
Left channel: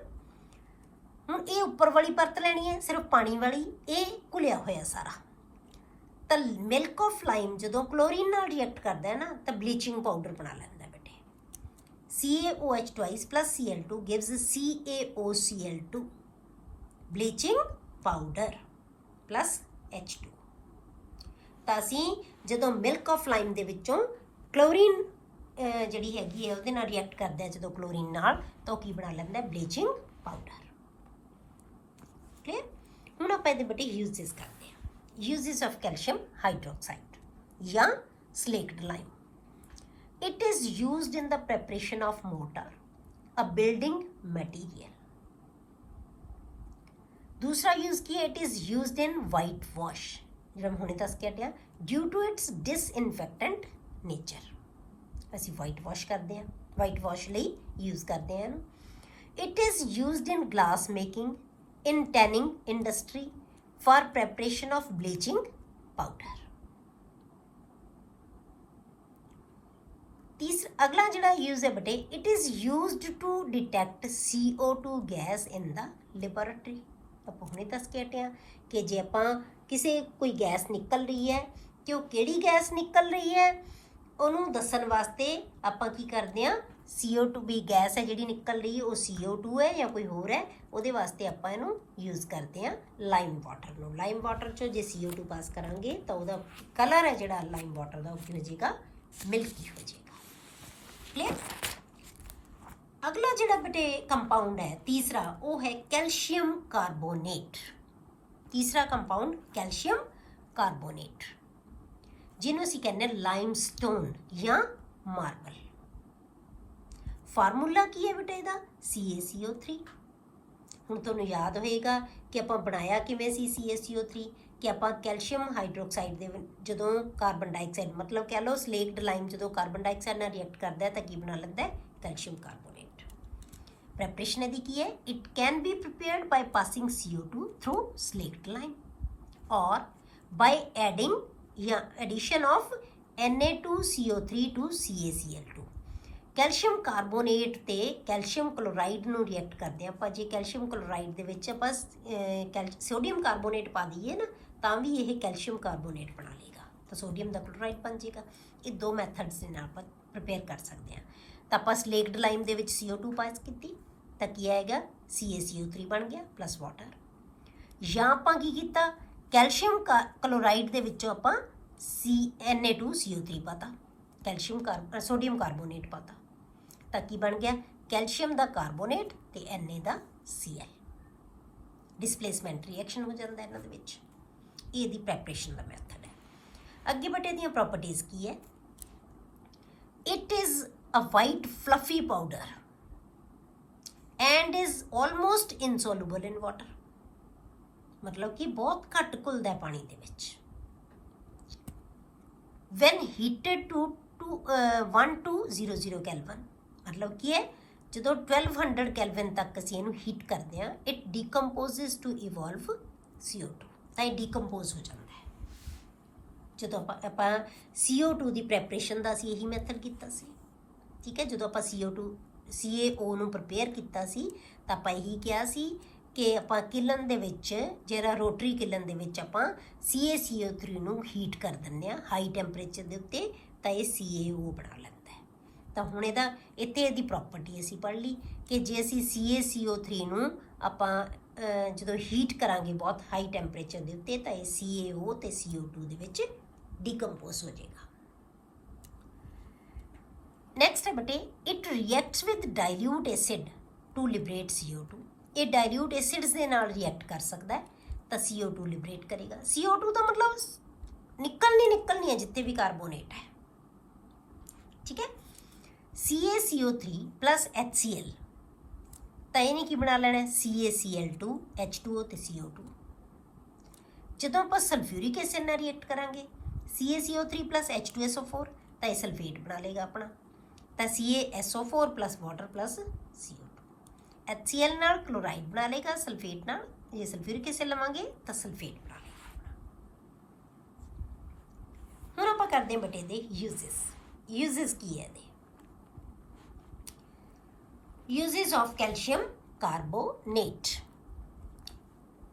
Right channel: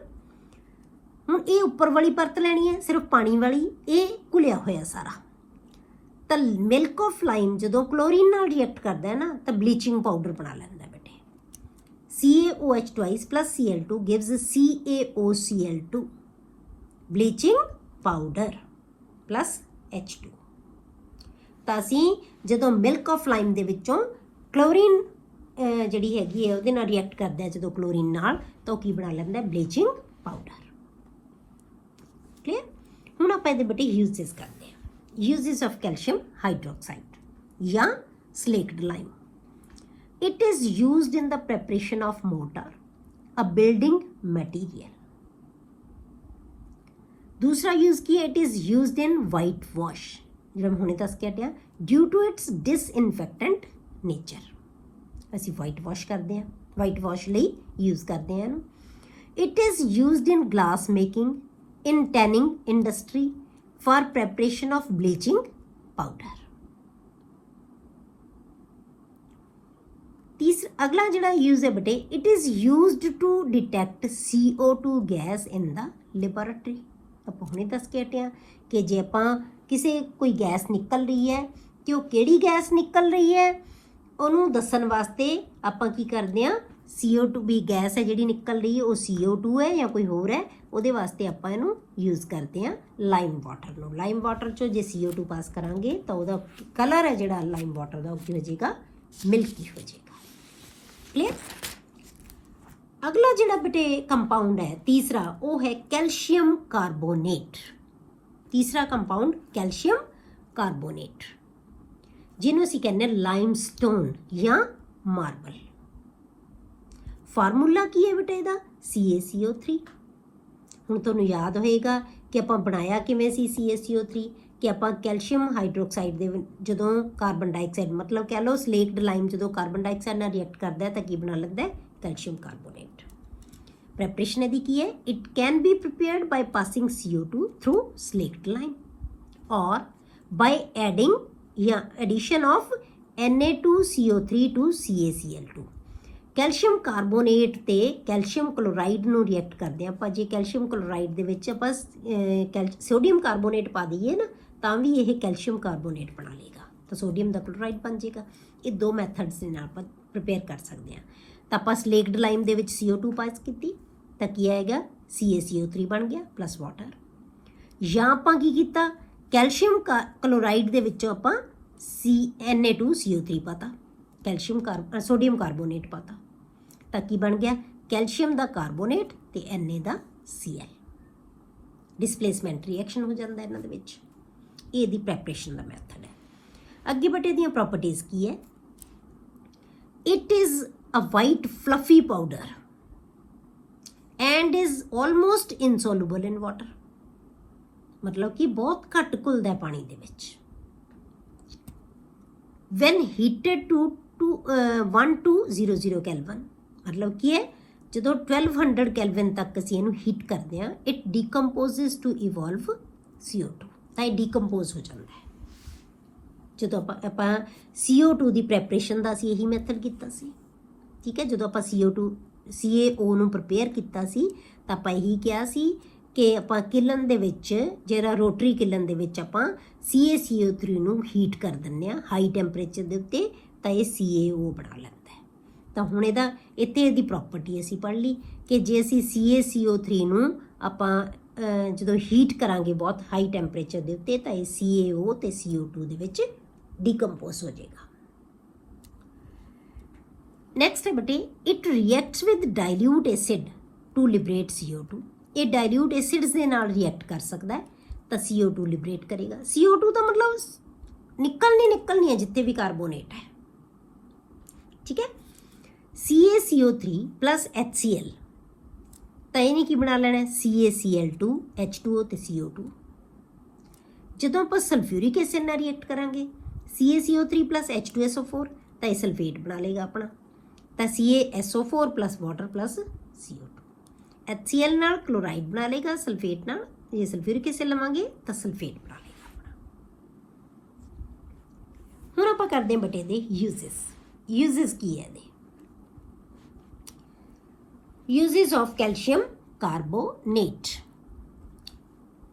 ਹੁਣ ਇਹ ਉੱਪਰ ਵਾਲੀ ਪਰਤ ਲੈਣੀ ਹੈ ਸਿਰਫ ਪਾਣੀ ਵਾਲੀ, ਇਹ ਘੁਲਿਆ ਹੋਇਆ ਸਾਰਾ। ਤਾਂ ਮਿਲਕ ਆਫ ਲਾਈਮ ਜਦੋਂ ਕਲੋਰੀਨ ਨਾਲ ਰਿਐਕਟ ਕਰਦਾ ਹੈ ਨਾ ਤਾਂ ਬਲੀਚਿੰਗ ਪਾਊਡਰ ਬਣਾ ਲੈਂਦਾ ਬੇਟੇ। CaOH twice plus Cl2 gives CaOCl2, bleaching powder plus H2। ਤਾਂ ਅਸੀਂ ਜਦੋਂ ਮਿਲਕ ਆਫ ਲਾਈਮ ਦੇ ਵਿੱਚੋਂ ਕਲੋਰੀਨ ਜਿਹੜੀ ਹੈਗੀ ਹੈ ਉਹਦੇ ਨਾਲ ਰਿਐਕਟ ਕਰਦਾ ਜਦੋਂ ਕਲੋਰੀਨ ਨਾਲ, ਤਾਂ ਉਹ ਕੀ ਬਣਾ ਲੈਂਦਾ, ਬਲੀਚਿੰਗ ਪਾਊਡਰ। ਕਲੀਅਰ। ਹੁਣ ਆਪਾਂ ਇਹਦੇ ਬੇਟੇ ਯੂਜ਼ਸ ਕਰਦੇ ਹਾਂ। uses of calcium hydroxide या slaked lime. It is used in the preparation of mortar, a building material. दूसरा यूज किया, it is used in white wash, ਜਿਹੜਾ ਹੁਣੇ ਦੱਸ ਕੇ ਹਟਿਆ, due to its disinfectant nature। ਅਸੀਂ white wash ਕਰਦੇ ਹਾਂ, white wash ਲਈ use ਕਰਦੇ ਹਾਂ ਇਹਨੂੰ। It is used in glass making, in tanning industry, for preparation of bleaching powder। अगला जिहड़ा यूज है बेटे, it is used to detect CO2 gas in the laboratory। ਆਪਾਂ ਹੁਣੇ ਦੱਸ ਕੇ ਹਟੇ ਹਾਂ ਕਿ ਜੇ ਆਪਾਂ ਕਿਸੇ ਕੋਈ ਗੈਸ ਨਿਕਲ ਰਹੀ ਹੈ ਕਿ ਉਹ ਕਿਹੜੀ ਗੈਸ ਨਿਕਲ ਰਹੀ ਹੈ ਉਹਨੂੰ ਦੱਸਣ ਵਾਸਤੇ ਆਪਾਂ ਕੀ ਕਰਦੇ ਹਾਂ, CO2 ਵੀ ਗੈਸ ਹੈ ਜਿਹੜੀ ਨਿਕਲ ਰਹੀ ਹੈ ਉਹ CO2 ਹੈ ਜਾਂ ਕੋਈ ਹੋਰ ਹੈ, ਉਹਦੇ ਵਾਸਤੇ ਆਪਾਂ ਇਹਨੂੰ ਯੂਜ਼ ਕਰਦੇ ਹਾਂ ਲਾਈਮ ਵਾਟਰ ਨੂੰ। ਲਾਈਮ ਵਾਟਰ 'ਚੋਂ ਜੇ CO2 ਪਾਸ ਕਰਾਂਗੇ ਤਾਂ ਉਹਦਾ ਕਲਰ ਹੈ ਜਿਹੜਾ ਲਾਈਮ ਵਾਟਰ ਦਾ ਉਹ ਕੀ ਹੋ ਜਾਏਗਾ, ਮਿਲਕੀ ਹੋ ਜਾਏਗਾ। ਕਲੀਅਰ। ਅਗਲਾ ਜਿਹੜਾ ਬੇਟੇ ਕੰਪਾਊਂਡ ਹੈ ਤੀਸਰਾ, ਉਹ ਹੈ ਕੈਲਸ਼ੀਅਮ ਕਾਰਬੋਨੇਟ। ਤੀਸਰਾ ਕੰਪਾਊਂਡ ਕੈਲਸ਼ੀਅਮ ਕਾਰਬੋਨੇਟ, ਜਿਹਨੂੰ ਅਸੀਂ ਕਹਿੰਦੇ ਹਾਂ ਲਾਈਮਸਟੋਨ ਜਾਂ ਮਾਰਬਲ। ਫਾਰਮੂਲਾ ਕੀ ਹੈ ਬੇਟਾ ਇਹਦਾ, CaCO3। ਹੁਣ ਤੁਹਾਨੂੰ ਯਾਦ ਹੋਏਗਾ ਕਿ ਆਪਾਂ ਬਣਾਇਆ ਕਿਵੇਂ ਸੀ CaCO3, ਕਿ ਆਪਾਂ ਕੈਲਸ਼ੀਅਮ ਹਾਈਡਰੋਕਸਾਈਡ ਦੇ ਜਦੋਂ ਕਾਰਬਨ ਡਾਈਆਕਸਾਈਡ, ਮਤਲਬ ਕਹਿ ਲਓ ਸਲੇਕਡ ਲਾਈਮ ਜਦੋਂ ਕਾਰਬਨ ਡਾਈਆਕਸਾਈਡ ਨਾਲ ਰਿਐਕਟ ਕਰਦਾ ਹੈ ਤਾਂ ਕੀ ਬਣਾ ਲੈਂਦਾ ਹੈ, ਕੈਲਸ਼ੀਅਮ ਕਾਰਬੋਨੇਟ। ਪ੍ਰੈਪਰੇਸ਼ਨ ਇਹਦੀ ਕੀ ਹੈ, it can be prepared by passing CO2 through slaked lime or by adding ਜਾਂ addition of Na2CO3 to CaCl2। Calcium carbonate ਤੇ ਕੈਲਸ਼ੀਅਮ ਕਲੋਰਾਈਡ ਨੂੰ ਰਿਐਕਟ ਕਰਦੇ ਆਪਾਂ। ਜੇ ਕੈਲਸ਼ੀਅਮ ਕਲੋਰਾਈਡ ਦੇ ਵਿੱਚ ਆਪਾਂ ਸੋਡੀਅਮ ਕਾਰਬੋਨੇਟ ਪਾ ਦਈਏ ਨਾ ਤਾਂ ਵੀ ਇਹ ਕੈਲਸ਼ੀਅਮ ਕਾਰਬੋਨੇਟ ਬਣਾ ਲੇਗਾ, ਤਾਂ ਸੋਡੀਅਮ ਦਾ ਕਲੋਰਾਈਡ ਬਣ ਜਾਏਗਾ। ਇਹ ਦੋ ਮੈਥਡਸ ਦੇ ਨਾਲ ਆਪਾਂ ਪ੍ਰੀਪੇਅਰ ਕਰ ਸਕਦੇ ਹਾਂ। ਤਾਂ ਆਪਾਂ ਸਲੇਕਡ ਲਾਈਮ ਦੇ ਵਿੱਚ CO2 ਪਾਸ ਕੀਤੀ ਤਾਂ ਕੀ ਆਏਗਾ, CaCO3 ਬਣ ਗਿਆ ਪਲੱਸ ਵਾਟਰ। ਜਾਂ ਆਪਾਂ ਕੀ ਕੀਤਾ, ਕੈਲਸ਼ੀਅਮ ਕਲੋਰਾਈਡ ਦੇ ਵਿੱਚੋਂ ਆਪਾਂ Na2CO3 ਪਾਤਾ, ਸੋਡੀਅਮ ਕਾਰਬੋਨੇਟ ਪਾਤਾ ਤਾਂ ਕੀ ਬਣ ਗਿਆ, ਕੈਲਸ਼ੀਅਮ ਦਾ ਕਾਰਬੋਨੇਟ ਤੇ Na ਦਾ Cl। ਡਿਸਪਲੇਸਮੈਂਟ ਰਿਐਕਸ਼ਨ ਹੋ ਜਾਂਦਾ ਇਹਨਾਂ ਦੇ ਵਿੱਚ। ਇਹ ਦੀ ਪ੍ਰੈਪਰੇਸ਼ਨ ਦਾ ਮੈਥਡ ਹੈ। ਅੱਗੇ ਬਟੇ ਦੀਆਂ ਪ੍ਰੋਪਰਟੀਜ਼ ਕੀ ਹੈ, it is a white fluffy powder and is almost insoluble in water. मतलब कि बहुत घट घुलदा है पानी दे विच। वैन हीटेड टू 1200 कैलविन, मतलब की है जो 1200 कैलविन तक असीं इहनूं हीट करते हैं, इट डिकंपोजिज टू इवॉल्व CO2, तो ये डिकंपोज हो जाता है। जो आपां CO2 की प्रैपरेशन का असीं यही मैथड कीता सी, ठीक है। जो आपां CaO नूं प्रपेयर कीता सी तां आपां यही कहा सी कि आपां किलन दे विच जिहड़ा रोटरी किलन दे विच आपां CaCO3 नूं हीट कर दिंदे आ हाई टैंपरेचर दे उत्ते, तां ये CaO बना लैंदा है। तां हुण इहदा इत्ते इहदी प्रॉपर्टी असीं पढ़ लई कि जे असीं CaCO3 नूं आपां ਜਦੋਂ हीट करांगे बहुत हाई टैंपरेचर दे उत्ते, तां ये CaO ते CO2 दे विच डिकंपोज हो जाएगा। नैक्सट है बटे, it reacts with dilute acid to liberate CO2। ये डाइल्यूट एसिड्स के नाल रिएक्ट कर सकता है, तो CO2 लिबरेट करेगा। CO2 का मतलब निकलनी है जितने भी कार्बोनेट है, ठीक है। CaCO3 प्लस HCl, तो इन्हें की बना लेना है CaCl2 H2O ते CO2। जो आप सल्फ्यूरिक एसिड नाल रिएक्ट करांगे CaCO3 प्लस H2SO4, तो ये सल्फेट बना लेगा अपना, तो CaSO4 plus water plus CO2। HCl नाल क्लोराइड बना लेगा, सल्फेट नाल ये सल्फ्यूरिक एसिड लवांगे तो सल्फेट बना लेगा अपना। हुण आपां करदे हां बटे दे यूजेस की है the uses of calcium carbonate.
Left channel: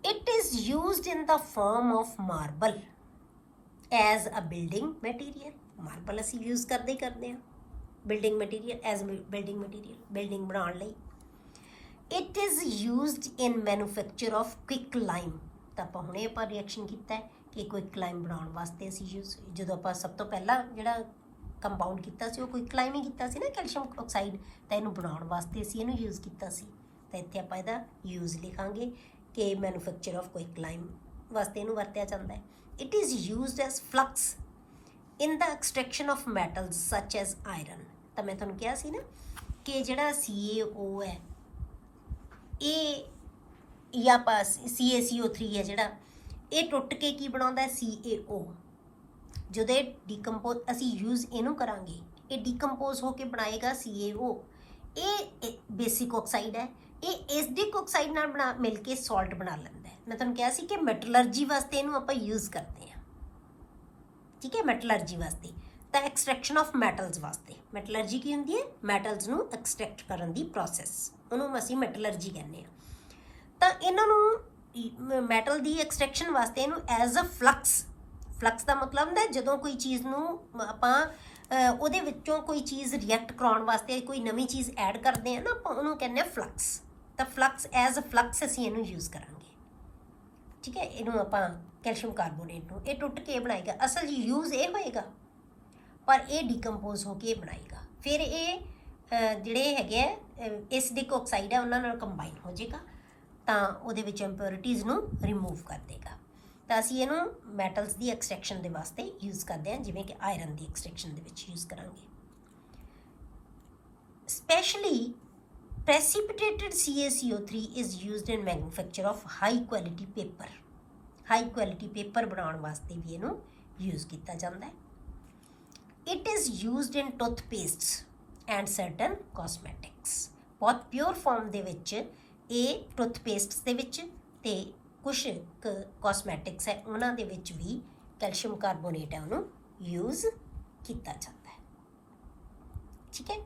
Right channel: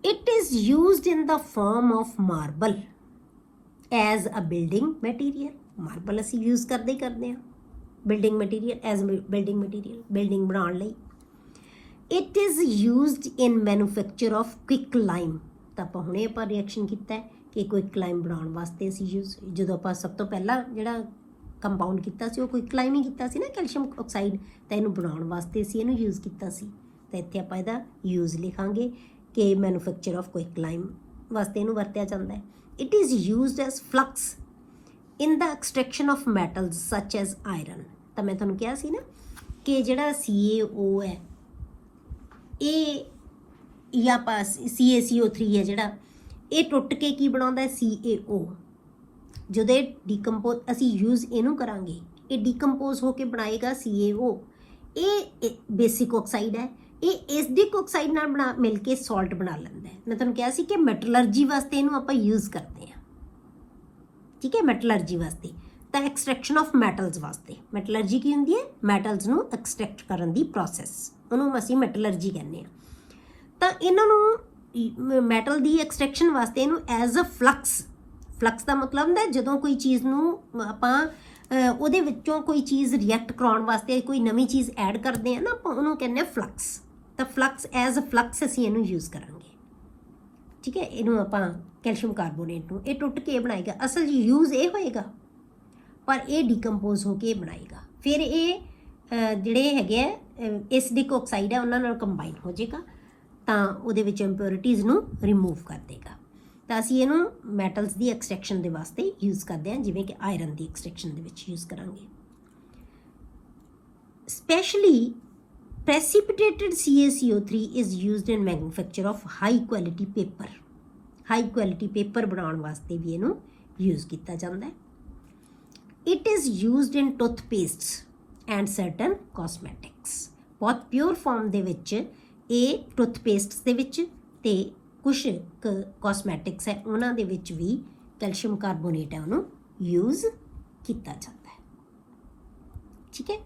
It is used in the form of marble as a building material. Marble असीं यूज करते ही करते हैं building material, as building material, building बनाने लई। It is used in manufacture of quick lime, तो आप हुणे आपां रिएक्शन किया है कि क्विक लाइम बनाने वास्ते असीं यूज, जो आप सब तो पहला जिहड़ा कंपाउंड किया सी, क्विक लाइम ही किया सी ना, कैल्शियम ऑक्साइड, तो इहनूं बनाउण वास्ते असीं इहनूं यूज किया सी। तो इत्थे आपां इहदा यूज लिखांगे कि मैन्युफैक्चर ऑफ क्विक लाइम वास्ते इहनूं वरतिया जांदा है। It is used as flux in the extraction of metals such as iron. तो मैं तुहानूं कहा सी ना कि जिहड़ा CaO है ये या CaCO3 है जिहड़ा, ये टुट के की बनाउंदा है CaO। जदों ये डिकंपोज असीं यूज इहनूं करांगे, ये डिकंपोज होके बनाएगा CaO। ये बेसिक ऑक्साइड है, ये एसिडिक ऑक्साइड नाल बना मिल के सॉल्ट बना लैंदा है। मैं तुहानूं कहा सी कि मैटलर्जी वास्ते इहनूं आपां यूज करते हैं, ठीक है। मैटलर्जी वास्ते तो एक्सट्रैक्शन ऑफ मैटल्स वास्ते, मैटलर्जी की हुंदी है मैटल्स नूं एक्सट्रैक्ट करन दी प्रोसैस, उन्होंने असीं मैटलर्जी कहने। तो इन्हों मैटल की एक्सट्रैक्शन वास्ते इनू एज अ फ्लक्स का मतलब होंदा है जदों कोई चीज़ नूं आपां उहदे विच्चों कोई चीज़ रिएक्ट कराउण वास्ते कोई नवीं चीज़ ऐड करते हैं ना, आपां उहनूं कहने फ्लक्स। तो फ्लक्स एज अ फ्लक्स असीं इहनूं यूज करांगे, ठीक है। इहनूं आपां कैल्शियम कार्बोनेट नूं ये टुट के बनाएगा, असल यूज ये होएगा, पर ये डिकंपोज होके बनाएगा। फिर ये जिहड़े हैगे एसिडिक ऑक्साइड है उन्हां नाल कंबाइन हो जाएगा, तां उहदे विच इंप्योरिटीज़ नूं रिमूव कर देगा। तो असीं इहनूं मैटल्स की एक्सट्रैक्शन के वास्ते यूज करते हैं, जिवें कि आयरन की एक्सट्रैक्शन दे विच यूज करांगे। Specially precipitated CaCO3 is used in manufacture of high quality paper. High quality paper बनाउण वास्ते भी इहनूं यूज किया जाता है। It is used in toothpastes and certain cosmetics. बहुत प्योर फॉर्म दे विच ये टूथपेस्ट दे विच ते कुछ कॉस्मैटिक्स है उन्हां दे विच भी कैल्शियम कार्बोनेट है उन्होंने यूज किया जाता है, ठीक है।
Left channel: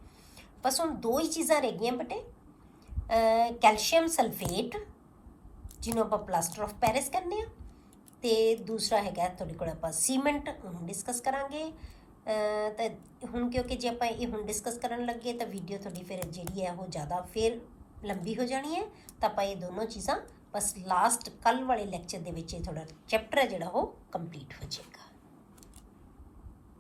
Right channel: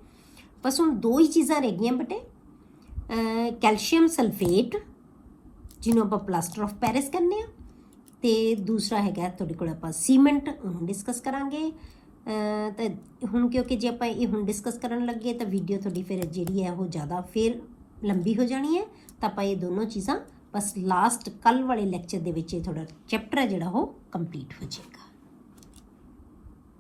बस हुण दो ही चीज़ां रह गईयां बटे, कैल्शियम सल्फेट जिन्हों आप प्लास्टर ऑफ पेरिस कहने आ, ते दूसरा हैगा तुहाडे कोल आपां सीमेंट, उन्होंने डिस्कस करांगे। तो हुण क्योंकि जे आपां ये हुण डिस्कस करन लगे तो वीडियो थोड़ी फिर जिहड़ी है वो ज़्यादा फिर लंबी हो जानी है, तो आपां ये दोनों चीज़ां बस लास्ट कल वाले लैक्चर दे विच थोड़ा चैप्टर है जिहड़ा वो कंप्लीट हो जाए।